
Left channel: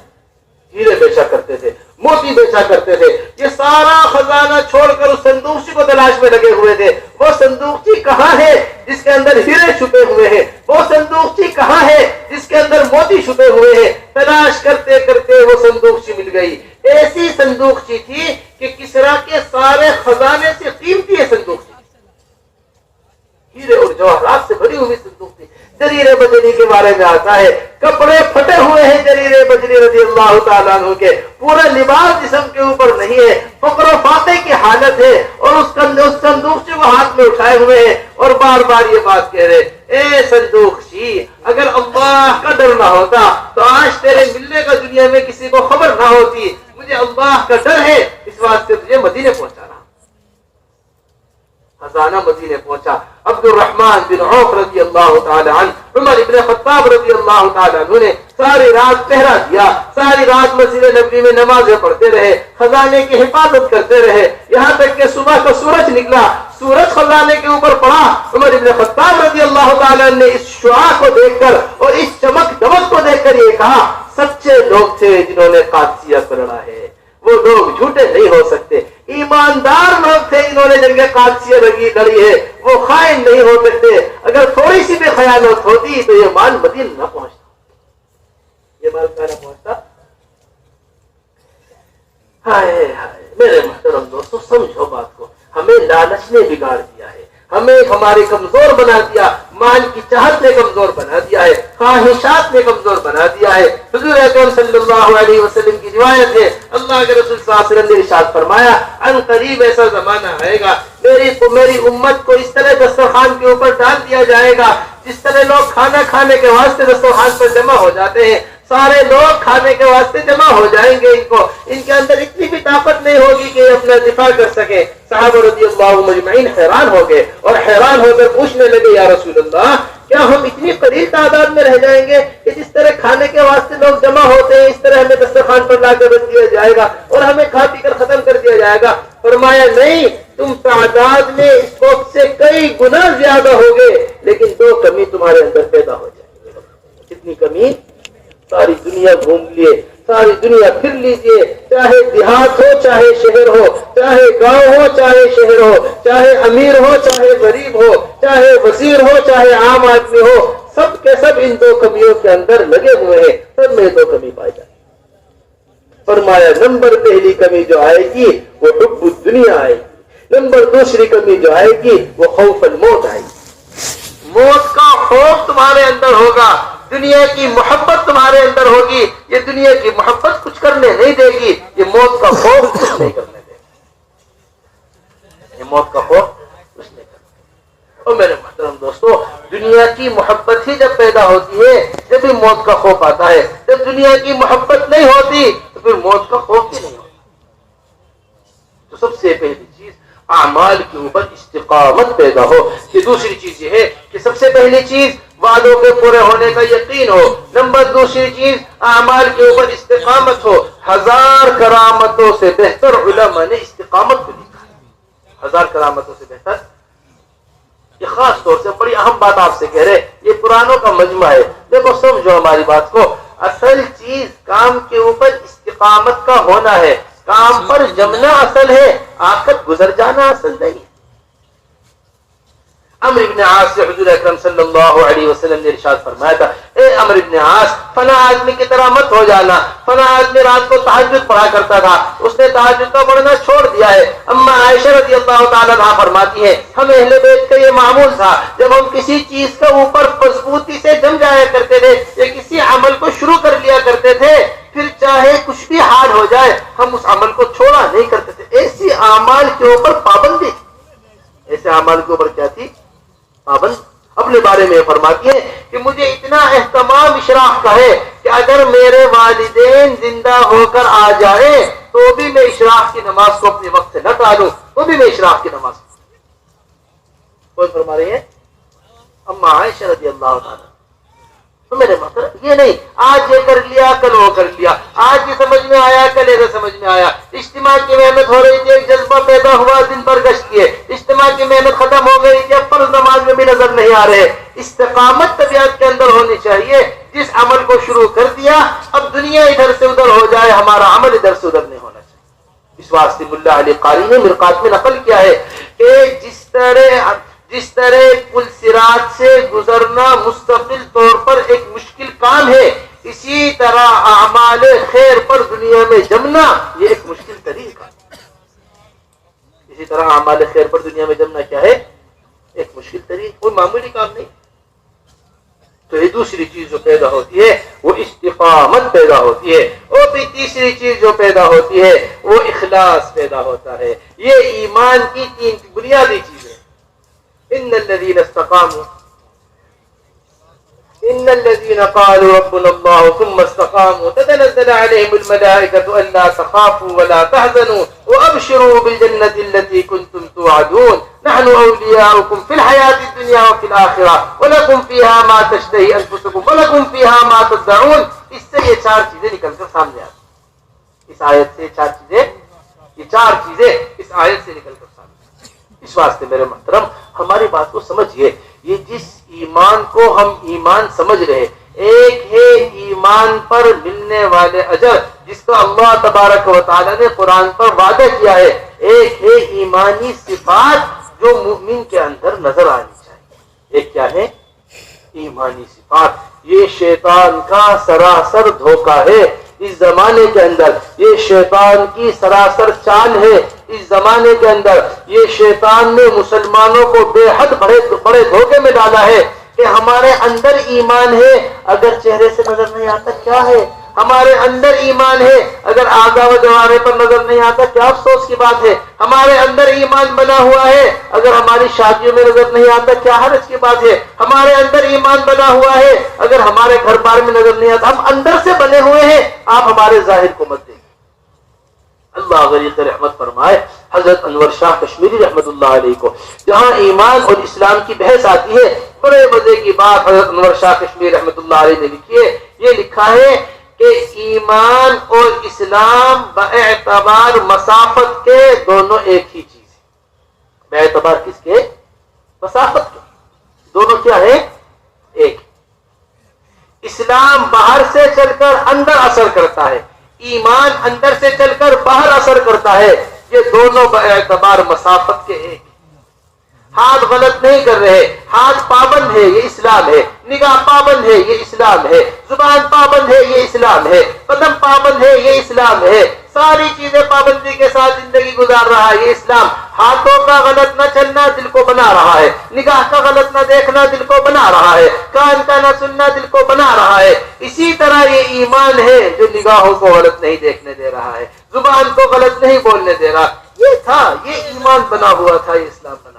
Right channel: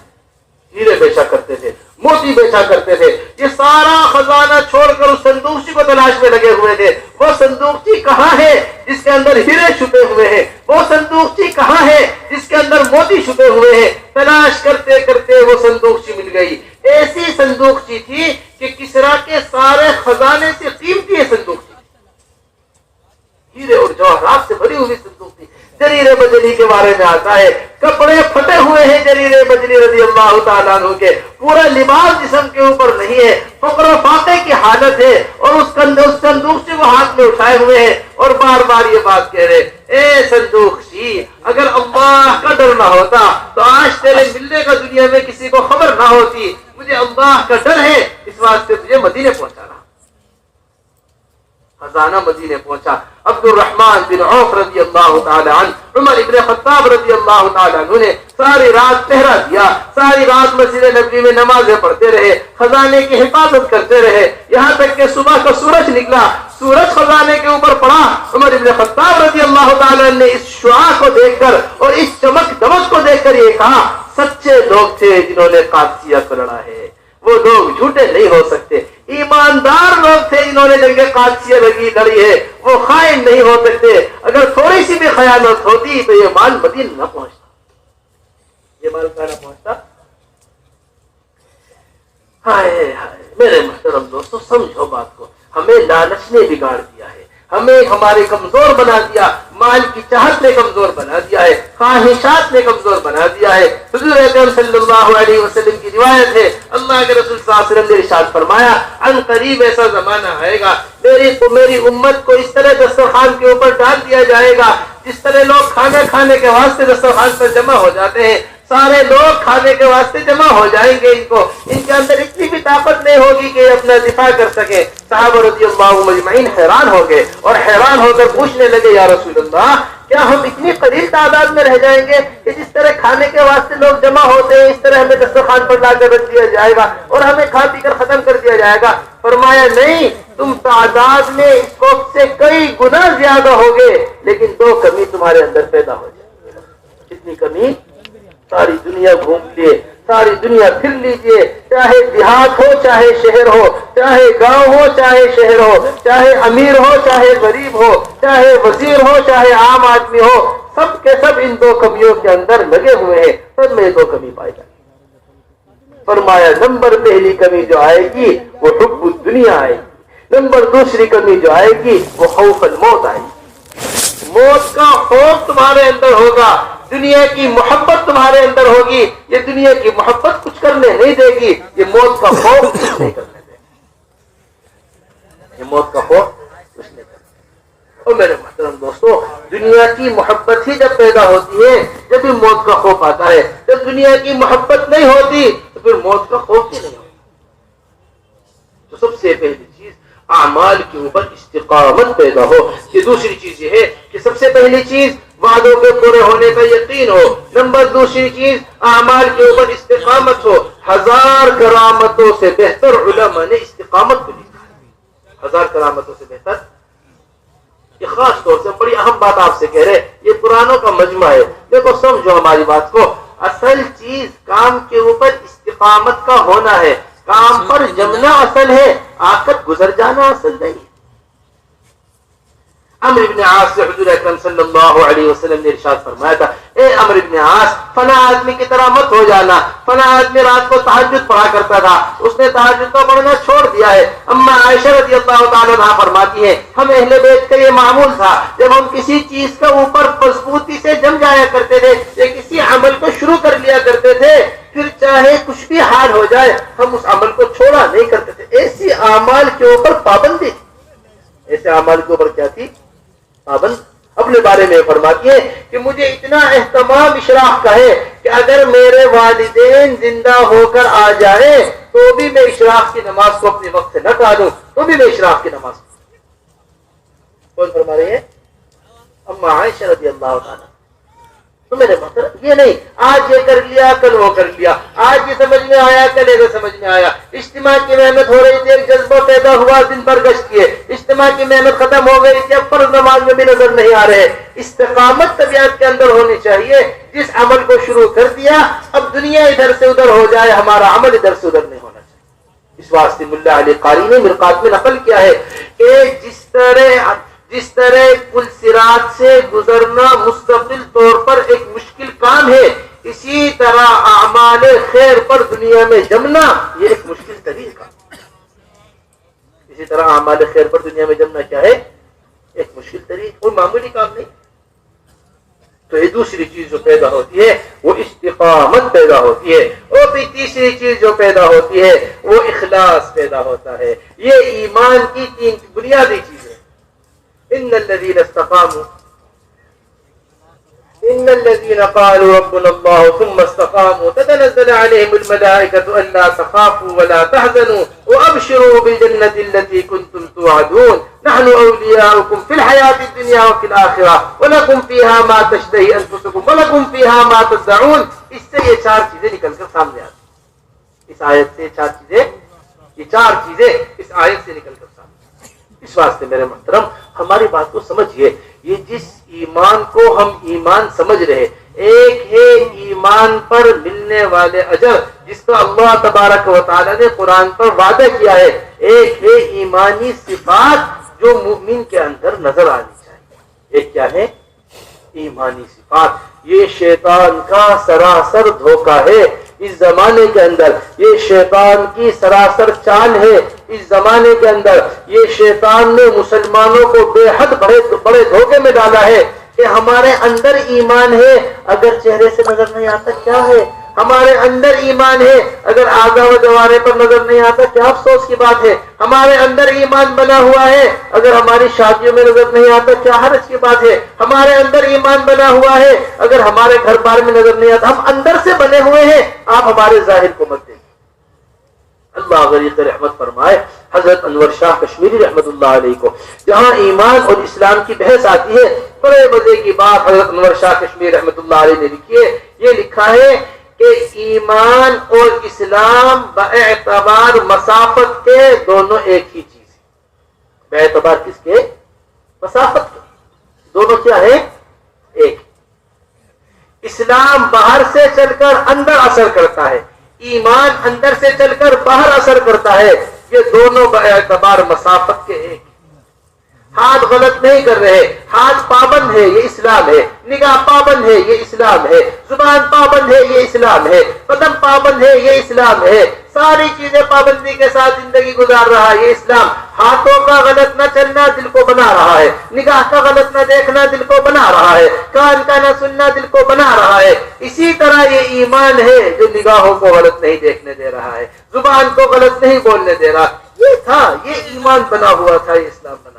ہیرے بیچا کرتے تھے، موتی بیچا کرتے تھے۔ یہ سارا خزانہ چھوڑ کر اس صندوقچی کو تلاش میں لگے ہوئے تھے۔ وہ صندوقچی کہاں ہے جس کے اندر ہیرے چھپے ہوئے ہیں؟ وہ صندوقچی کہاں ہے جس کے اندر موتی چھپے ہوئے ہیں؟ تلاش کرتے کرتے وہ صندوقچی مل گئی۔ ایسی صندوقچی تھی کہ کسرا کے سارے خزانے سے قیمتی یہ صندوق تھی، ہیرے اور جواہرات سے بھری ہوئی صندوق تھی۔ جریر بجلی کے بارے میں آتا ہے کپڑے پھٹے ہوئے ہیں جریر بجلی رضی اللہ تعالیٰ عنہ کے، پورا لباس جسم کے اوپر نہیں ہے، فقر و فاقے کی حالت ہے، اور اس صندوق سے وہ ہاتھ میں اٹھائے ہوئے ہیں اور بار بار یہ بات کہہ رہے، اے صندوق شی، اگر اللہ کا ڈر نہ ہوتا تو آج تیرے ملنے کا دنیا میں کسی کو خبر نہ ہوتی، مجھے اللہ کا ڈر ہے، اس واسطے تجھے مدینے پہنچا رہا۔ خزانہ مدینے پہنچا۔ عبد الرحمن بن عوف رضی اللہ تعالی عنہ، عمر ابن خطاب رضی اللہ تعالی عنہ نے ساری رات پہرا دیا، ساری رات مسجد نبوی میں نمازیں پڑھتے رہے، خزانے کی حفاظت کرتے رہے، یہاں تک کہ صبح کا سورج نکلا، سورج خزانے کے اوپر پڑا۔ عمر ابن خطاب رضی اللہ تعالی عنہ نے اس شعاع کو دیکھ کر اور اس چمک دمک کو دیکھ کر یہ کہا، سچے لوگ تھے جنہوں نے قادسیہ کو لڑا ہے، وہ لوگ جھوٹے نہیں ہو سکتے، ایماندار لوگ تھے جنہوں نے جنگ قادسیہ لڑی ہے، وہ خائن نہیں ہو سکتے، اگر تھوڑی سی بھی خیانت ہوتی تو یہ مال مدینہ نہ پہنچتا، یہ مال کہاں نہ پہنچتا۔ ہائے ہائے میرے محترم دوستو، سمجھو بات کو، ہمیں لالچ نے بگاڑ دیا ہے، ہمیں ہمارے کمزور بنا دیا، مال کی چاہت نے کمزور بنا دیا ہے، خواہشات نے کمزور بنا دیا ہے۔ حضور اکرم صلی اللہ علیہ وسلم کی روایت ہے، اللہ کے رسول صلی اللہ علیہ وسلم نے ارشاد فرمایا، ان قریب ایسا زمانہ آئے گا میری امت کو اس طرح دسترخوان کے اوپر ڈال دیا جائے گا جس طرح لوگ کھانا کھانے کے واسطے دسترخوان پر جمع ہو جاتے ہیں، سارے لوگ کھانے کے واسطے جمع ہو جائیں گے، ان کے اندر اتنی بھی طاقت نہیں ہوگی کہ یہ اپنا دفاع کر سکے۔ صحابہ رضی اللہ مجمعین حیران ہو گئے اور حیران ہو کر پوچھنے لگے، یا رسول اللہ، کیا ہم اتنی قلیل تعداد میں رہ جائیں گے کہ جس طرح کھانے کے واسطے لوگ جمع ہوتے ہیں اس طرح ہمیں دسترخوان پر لا کر رکھ دیا جائے گا اور ہمیں کھا پی کر ختم کر دیا جائے گا؟ فرمایا نہیں، تم تعداد میں اس وقت سے کئی گنا زیادہ ہوگے، لیکن دو کمی تمہارے اندر پیدا ہو جائے گی۔ کتنی کمی؟ ساری دنیا گھوم لیے، ساری دنیا پھر لیجئے، چاہے دیہات ہو چاہے شہر ہو، چاہے گاؤں ہو چاہے شہر ہو، چاہے امیر ہو چاہے غریب ہو، چاہے وزیر ہو چاہے عام آدمی ہو، سب کے سب ان دو کمیوں کے اندر لگے ہوئے ہیں، سب میں دو کمی پائی جاتی۔ فرمایا نمبر پہلی کمی جو آئے گی وہ حب الدنیا آئے گی، نمبر دوسری کمی جو آئے گی وہ خوف الموت آئے گی۔ موت کا خوف تمہارے اندر ہوگا، دنیا کی محبت تمہارے اندر ہوگی، یہ دنیا کی محبت کچھ کرنے نہیں دے گی، یہ موت کا خوف کچھ نہیں کرنے دے گا، یہ موت کا خوف کچھ نہیں کرنے دے گا۔ اور میرے محترم دوستو، دنیا کی محبت ہی جب پیدا ہوتی ہے جب ہی موت کا خوف آتا ہے، جب دنیا کی محبت نہیں ہوتی تو پھر موت کا خوف ہی نہیں ہوتا۔ تو سب سے پہلی چیز اعمال کے اوپر استقامت پیدا ہو۔ یہ دوسری چیز یہ ہے کہ سب سے پہلی چیز وعدوں کے پورے ہونے کا یقین ہو، نمبر دوسری چیز اعمال کے اوپر استقامت ہو۔ 1000 کرامتوں سے بہتر علماء نے استقامت کو لکھا ہے، 1000 کرامتوں سے بہتر۔ یہ خاص طور سے بڑی اہم بات آپ سے کہہ رہے، یہ قرآنوں کا مجمع ہے، دیکھو سمجھو ہماری بات کو، اصل چیز کام کے اوپر استقامت کا ہونا ہے، کام پر جمنا اصل ہے، آخر گزر جانا اصل نہیں۔ عمرو بن عاص سے حضور اکرم صلی اللہ علیہ وسلم نے ارشاد فرمایا تھا، اے عمرو بن عاص، فنا آدمی کی طرح مت ہو جانا۔ فنا آدمی رات کو تہجد پڑھا کرتا تھا، اس نے تہجد کا پڑھنا چھوڑ دیا ہے۔ اما عائشہ رضی اللہ تعالیٰ عنہا فرماتی ہے، ہم اہل بیت کا یہ معمول تھا، جب ہم کسی چیز کے اوپر مضبوطی سے جم جایا کرتے تھے یا کسی عمل کو شروع کر لیا کرتے تھے، پھر چاہے کچھ بھی حال ہو جائے ہم اس عمل کو چھوڑا نہیں کرتے تھے۔ ایسی اعمال کے اوپر پابندی تھی، ایسے اعمال کے اوپر کیا تھی؟ پابند۔ اپنے بارے میں فرماتی ہے کہ مجھے اتنا اہتمام اشراق کا ہے کہ اگر میرے والدین زندہ ہو کر آ جائیں تو بھی میں اشراق کی نماز کو اپنے وقت سے نہ ٹالوں، تو بھی میں اشراق کی نماز کو۔ کون فرما رہی ہے؟ اما عائشہ رضی اللہ تعالیٰ۔ تو میرے مطلب یہ نہیں آج یہ کر لیا کل وہ کر لیا، آج یہ سمجھ میں آیا کل یہ سمجھ میں آیا، اجتماع کی محنت ہو رہی تھی، ایک جذبہ پیدا ہوا، دن بھر گشت کیے، اجتماع کی محنت ختم ہو گئی تھی، اب فرض نماز میں بھی نظر نہیں آ رہے۔ استقامت طبیعت کے اندر ہونی چاہیے، جس عمل کو شروع کر دیا اب دنیا ادھر سے ادھر ہو جائے، ہمارا عمل ادھر سے ادھر نہیں ہونا چاہیے۔ اس واسطے ملا علی قاری نے مرقات میں نقل کیا ہے کہ جس طرح پل صراط سے گزرنا مستقل طور پر ایک مشکل کام ہے، اسی طرح اعمال خیر پر دنیا میں جمنا یہ ایک مشکل ترین کام ہے۔ اسی طرح اعمال خیر پر دنیا میں جمنا کیا ہے؟ ایک مشکل ترین، کوئی معمولی کام نہیں. تو یہ دوسری چیز جو پیدا ہوتی ہے وہ استقامت پیدا ہوتی ہے. اور پھر تیسری چیز جو پیدا ہوتی ہے وہ اخلاص پیدا ہوتا ہے. یہ ایمان کی تین بنیادی چیزیں. ان الذين قالوا ربنا الله ثم استقاموا تتنزل عليهم الملائكة ألا تخافوا ولا تحزنوا وأبشروا بالجنة التي كنتم توعدون نحن أولياؤكم في الحياة الدنيا وفي الآخرة ولكم فيها ما تشتهي أنفسكم ولكم فيها ما تدعون. اس سے یہ چار چیزیں نکل کر سامنے آتی ہیں. اس آیت سے یہ چار چیزیں اس آیت سے نکل کر سامنے آتی ہیں. اس واسطے میرے محترم ہماری بات کو سمجھیے. یہ جس ایمان کو ہم ایمان سمجھ رہے، ایک ہے ایمان پر ملنے والے اجر جس کا اللہ تبارک و تعالی نے قرآن پر وعدہ کیا ہے. ایک ہے ایمانی صفات جو مومن کے اندر نظر آنی چاہیے. ایک کیا ہے؟ ایمانی صفات. یہ شیطان کا سراسر دھوکہ ہے اس زمانے کے اندر. یہ شیطان کی سراسر چال ہے اس زمانے کے اندر. یہ شیطان نے مسلمانوں کو بے حد بڑے دھوکے میں ڈالا ہے کہ ہمارے اندر ایمان ہے اگر چہرے سے نظر نہیں آتا کیا ہے. ہمارے اندر ایمان ہے اگر اعضاء و جوارح پر نظر نہیں آتا کیا افسوس کی بات ہے. ہمارے اندر ایمان بنا ہوا ہے اگر ہماری شادیوں میں نظر نہیں آتا کیا حرج کی بات ہے. ہمارے اندر ایمان بنا ہوا ہے اگر ہمارے گھر بار میں نظر نہیں آتا. ہم اندر سے بنے ہوئے ہیں، آپ ہمارے ظاہر کو مت دیکھیں. اللہ غریق رحمت فرمائے حضرت انور شاہ کشمیری رحمت اللہ علیہ کو جہاں ایمان اور اسلام کی بحث آتی ہے، بڑے مزے کی بات حضرت انور شاہ کشمیری رحمت اللہ علیہ نے لکھی ہے. یہ لکھا ہے کہ ایمان اور اسلام باعتبار مسافت کے دونوں ایک ہی چیز ہے. باعتبار کس کے؟ مسافت کے. دونوں کیا ہے؟ ایک. اسلام باہر سے چل کر اندر اثر کرتا ہے، ایمان اندر سے چل کر باہر اثر کرتا ہے. یہ دونوں باعتبار مسافت کے ایک. ہاتھ غلط نہیں کر رہے، ہاتھ پابند ہے یہ اسلام ہے. نگاہ پابند ہے یہ اسلام ہے. زبان پابند ہے یہ اسلام ہے. قدم پابند ہے یہ اسلام ہے. ساری چیزیں پابندی کے ساتھ زندگی گزار رہا ہے یہ اسلام. ہاتھوں کا غلط نہ چلنا دل کو بنا رہا ہے، نگاہ کا غلط نہ دیکھنا دل کو بنا رہا ہے، کان کا نہ سننا دل کو بنا رہا ہے. اسی طرح یہ ایمان ہے جو نگاہوں کو غلط نہیں دیکھنے دے رہا ہے، زبان کو غلط نہیں بولنے دے رہا. یہ تھا، یہ ایمان بنا ہوا تھا، یہ اسلام بنا ہوا.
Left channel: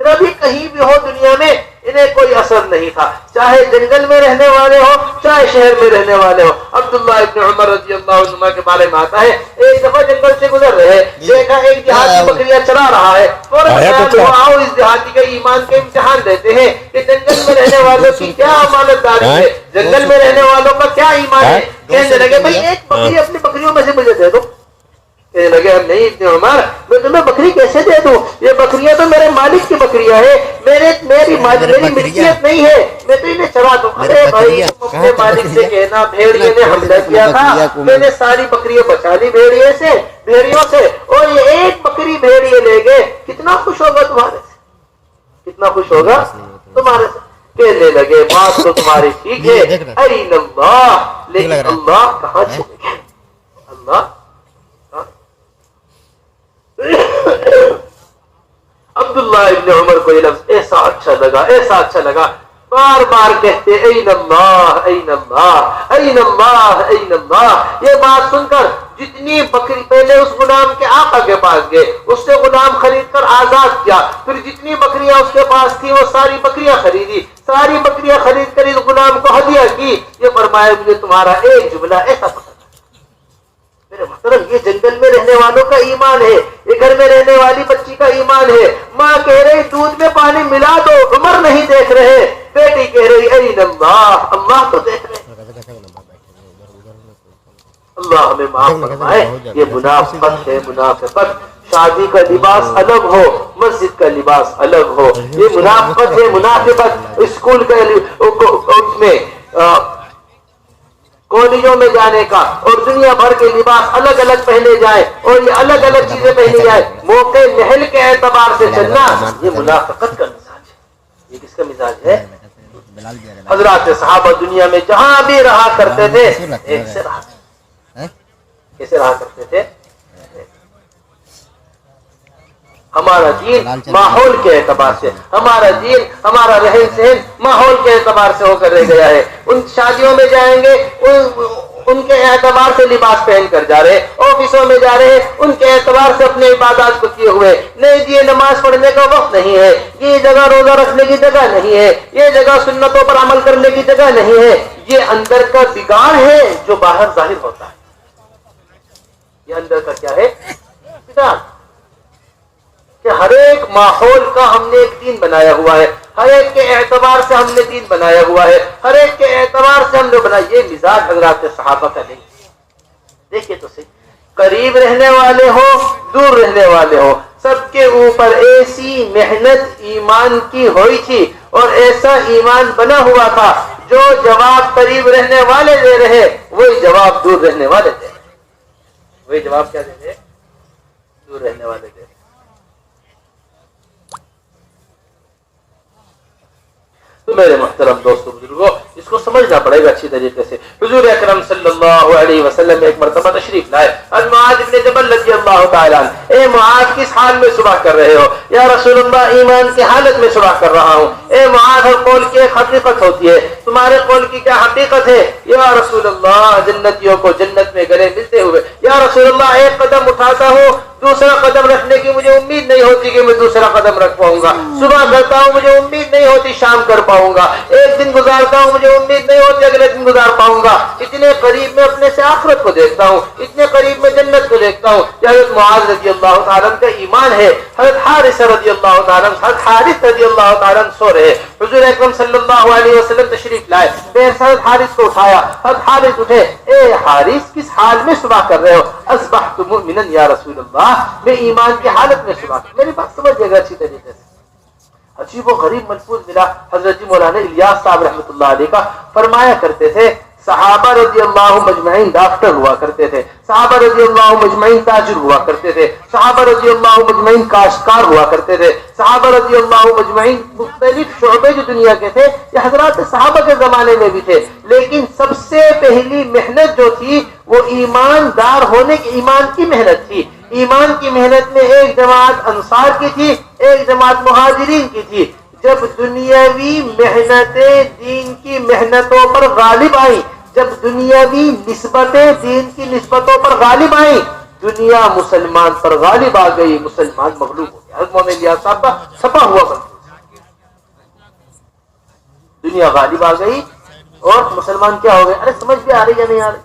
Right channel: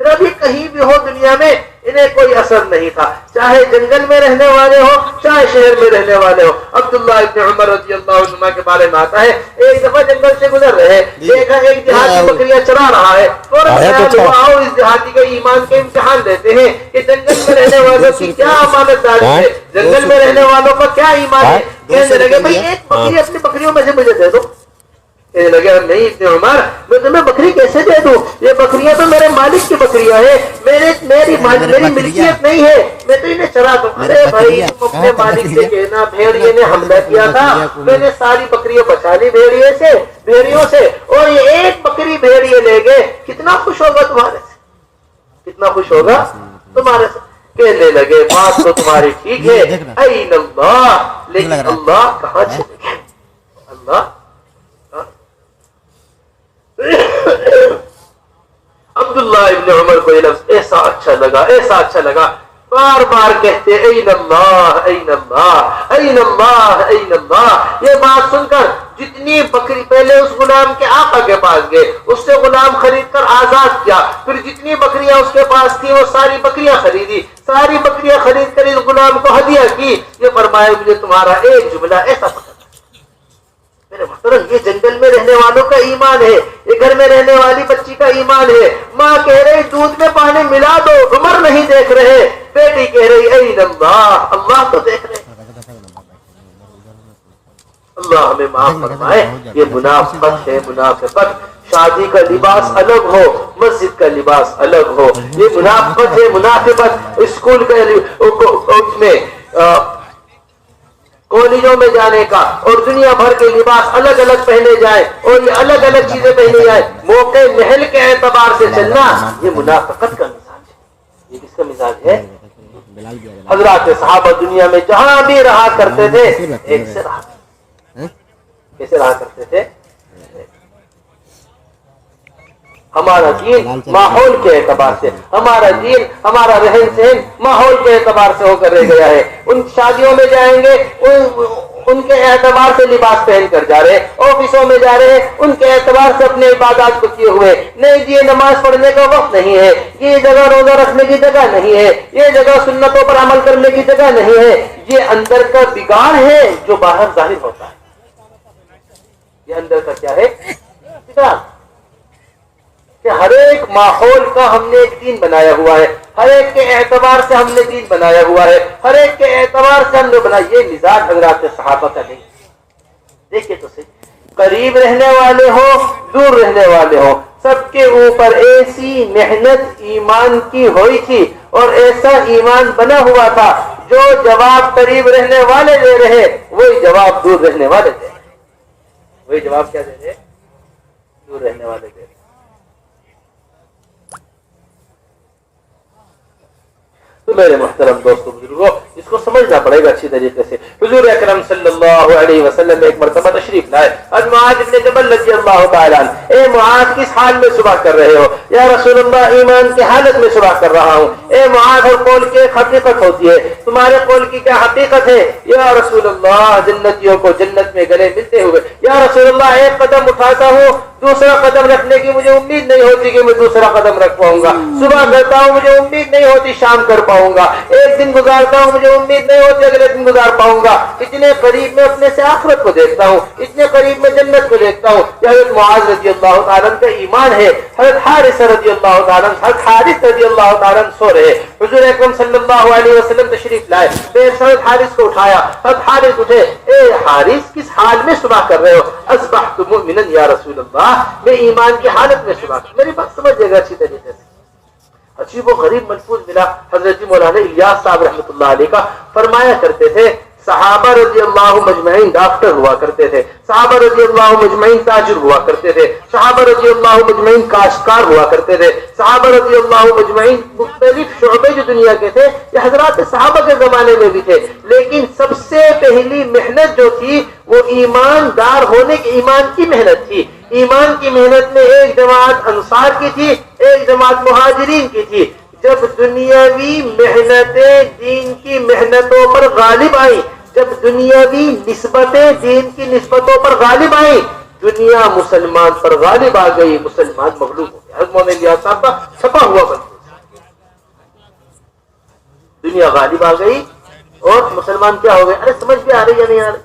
پھر ابھی کہیں بھی ہو دنیا میں انہیں کوئی اثر نہیں تھا، چاہے جنگل میں رہنے والے ہو چاہے شہر میں رہنے والے ہو. عبداللہ ابن عمر رضی اللہ عنہ کے بارے میں آتا ہے ایک دفعہ جنگل سے گزر رہے، دیکھا ایک دیہاتی بکریاں چرا رہا ہے. آؤ اس دیہاتی کا ایمان کے امتحان دیتے ہیں کہ جنگل میں رہنے والوں کی کیا امانت داری ہے، جنگل میں رہنے والوں کا کیا ایمان ہے. کہنے لگے بھائی ایک بکری اپنی بکریوں میں سے مجھے دے دو. کہنے لگے نہیں ابن عمر میں تمہیں بکری کیسے دے دوں، یہ بکریاں تو میرے مالک کی بکریاں ہیں، میری ملکیت نہیں ہے، میں تو انہیں چرا دوں. ارے بھائی تم اپنے مالک سے کہنا بھیڑیے نے حملہ کیا تھا، میں نے ساری بکریاں بچا لی بھیڑیوں سے اور یہ ایک بکری بھیڑیے لے گئے. کتنا خوش ہوگا تمہارے سے، کتنا خوش ہوگا تمہارے سے. کہنے لگے بات تو تمہاری ٹھیک ہے این اللہ، لیکن اللہ کہاں چلے گئے. اللہ عبداللہ ابن عمر کو یہ لفظ ایسا اچھا لگا بار بار کہتے این اللہ این اللہ این اللہ این اللہ. یہ بات سن کر جتنی بکری، پہلے اس غلام کے آقا کے پاس گئے، اس سے غلام خرید کر آزاد کیا، پھر جتنی بکریاں اس کے پاس تھی وہ ساری بکریاں خریدی، ساری بکریاں خرید کر اس غلام کو ہدیہ کی. یہ فرمایا مجھے تمہارا ایک جملہ ایسا پسند. میرے محترم یہ جنگل میں رہنے والوں کا ایمان ہے، یہ گھر میں رہنے والی بچی کا ایمان ہے. ماں کہہ رہی دودھ میں پانی ملا دو، عمر نہیں دیکھ رہے. بیٹی کہہ رہی این اللہ، اللہ تو دیکھ رہے. اللہ ہمیں معاف فرمائے. یہ منافقت ہے، منافقت. شادی کا لباس الگ ہو، مسجد کا لباس الگ ہو، یہ منافقت ہے، منافقت. اسکول کے کالجوں میں جانے کا اور دنیا بھر کے لباس الگ الگ پہنے جائے اور یہ الگ الگ چیزیں پہنے جائے، موقع محل کے اعتبار سے چلنا، یہ منافقت کا مزاج ہے. یہ کس کا مزاج ہے؟ حضرات صحابہ دنیا میں جہاں بھی رہا کرتے تھے ایک سے رہا، کیسے رہا کرتے تھے؟ ہمارا دین ماحول کے اعتبار سے، ہمارا دین ہمارا رہن سہن ماحول کے اعتبار سے ہو کر رہ گیا ہے۔ ان شادیوں میں جائیں گے ان کے اعتبار سے لباس پہن کر جا رہے، آفسوں میں جا رہے ان کے اعتبار سے اپنے عبادات کو کیے ہوئے، نہیں جی یہ نماز پڑھنے کا وقت نہیں ہے، یہ جگہ روزہ رکھنے کی جگہ نہیں ہے، یہ جگہ سنتوں پر عمل کرنے کی جگہ نہیں ہے، یہ اندر کا بگاڑ ہے جو باہر ظاہر ہوتا ہے۔ یہ اندر کا کیا ہے؟ بگاڑ۔ کہ ہر ایک ماحول کا ہم نے ایک دین بنایا ہوا ہے، ہر ایک کے اعتبار سے ہم نے دین بنایا ہوا ہے، ہر ایک کے اعتبار سے ہم نے بنایا۔ یہ مزاج حضرات صحابہ کا نہیں۔ دیکھیے تو صحیح، قریب رہنے والے ہو دور رہنے والے ہو، سب کے اوپر ایسی محنت ایمان کی ہوئی تھی اور ایسا ایمان بنا ہوا تھا، جو جواب قریب رہنے والے دے رہے وہی جواب دور رہنے والے دے رہے، وہی جواب کیا دے رہے؟ دور رہنے والے دے رہے۔ تو میرے محترم دوستوں بزرگوں، اس کو سمجھنا پڑے گا اچھی طریقے سے۔ حضور اکرم صلی اللہ علیہ وسلم ایک مرتبہ تشریف لائے، معاذ بن جبل رضی اللہ تعالیٰ عنہ، اے معاذ کس حال میں صبح کر رہے ہو؟ یا رسول اللہ ایمان کی حالت میں صبح کر رہا ہوں۔ اے معاذ ہر قول کی ایک حقیقت ہوتی ہے، تمہارے قول کی کیا حقیقت ہے؟ یا رسول اللہ جنتیوں کو جنت میں گلے ملتے ہوئے۔ یا رسول اللہ ایک قدم اٹھاتا ہوں دوسرا قدم رکھنے کی مجھے امید نہیں ہوتی کہ میں دوسرا قدم رکھ پاؤں گا، صبح کرتا ہوں مجھے امید نہیں ہوتی شام کر پاؤں گا، ایک دن گزارتا ہوں مجھے امید نہیں ہوتی اگلے دن گزار پاؤں گا، اتنے قریب میں اپنے سے آخرت کو دیکھتا ہوں، اتنے قریب میں جنت کو دیکھتا ہوں۔ حضرت معاذ رضی اللہ تعالیٰ کا ایمان ہے۔ حضرت حارث رضی اللہ تعالیٰ سو رہے، حضور اکرم صلی اللہ علیہ وسلم تشریف لائے، پھر حضرت حارث کو اٹھایا، حضرت حارث اٹھے، اے حارث کس حال میں صبح کر رہے ہو؟ اصبحت مؤمنا یا رسول اللہ، میں ایمان کی حالت میں صبح کر۔ میری بات سمجھے گا اچھی طریقے سے۔ عجیب و غریب ملفوظ ملا حضرت مولانا الیاس صاحب رحمۃ اللہ علیہ کا، فرمایا کرتے تھے صحابہ رضی اللہ مجمعین ڈاکٹر ہوا کرتے تھے، صحابہ رضی اللہ مجمعین تاجر ہوا کرتے تھے، صحابہ رضی اللہ مجمعین کاشتکار ہوا کرتے تھے، صحابہ رضی اللہ مجمعین مختلف شعبے جو دنیا کے تھے یہ حضرات صحابہ کے زمانے میں بھی تھے، لیکن سب سے پہلی محنت جو تھی وہ ایماندار ہونے کی، ایمان کی محنت تھی۔ ایمان کی محنت میں ایک جماعت انصار کی تھی، ایک جماعت مہاجرین کی تھی۔ جب دنیاوی محنتیں دین کی محنتوں پر غالب آئیں، جب دنیاوی نسبتیں دین کی نسبتوں پر غالب آئیں، دنیا مسلمان پر غالب آ گئی، مسلمان مغلوب ہو گیا۔ حضرت مولانا الیاس صاحب کا چھپا ہوا بنتا، دنیا غالب آ گئی اور مسلمان کیا ہو گئے؟ ارے سمجھ بھی آ رہی یا نہیں آ رہی؟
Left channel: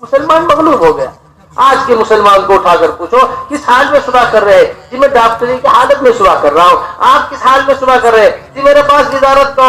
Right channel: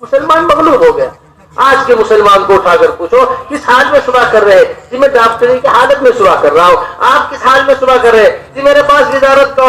مسلمان مغلوب ہو گیا۔ آج کے مسلمان کو اٹھا کر پوچھو کس حال میں صبح کر رہے؟ جی میں ڈاکٹری کی حالت میں صبح کر رہا ہوں۔ آپ کس حال میں صبح کر رہے؟ جی میرے پاس وزارت کا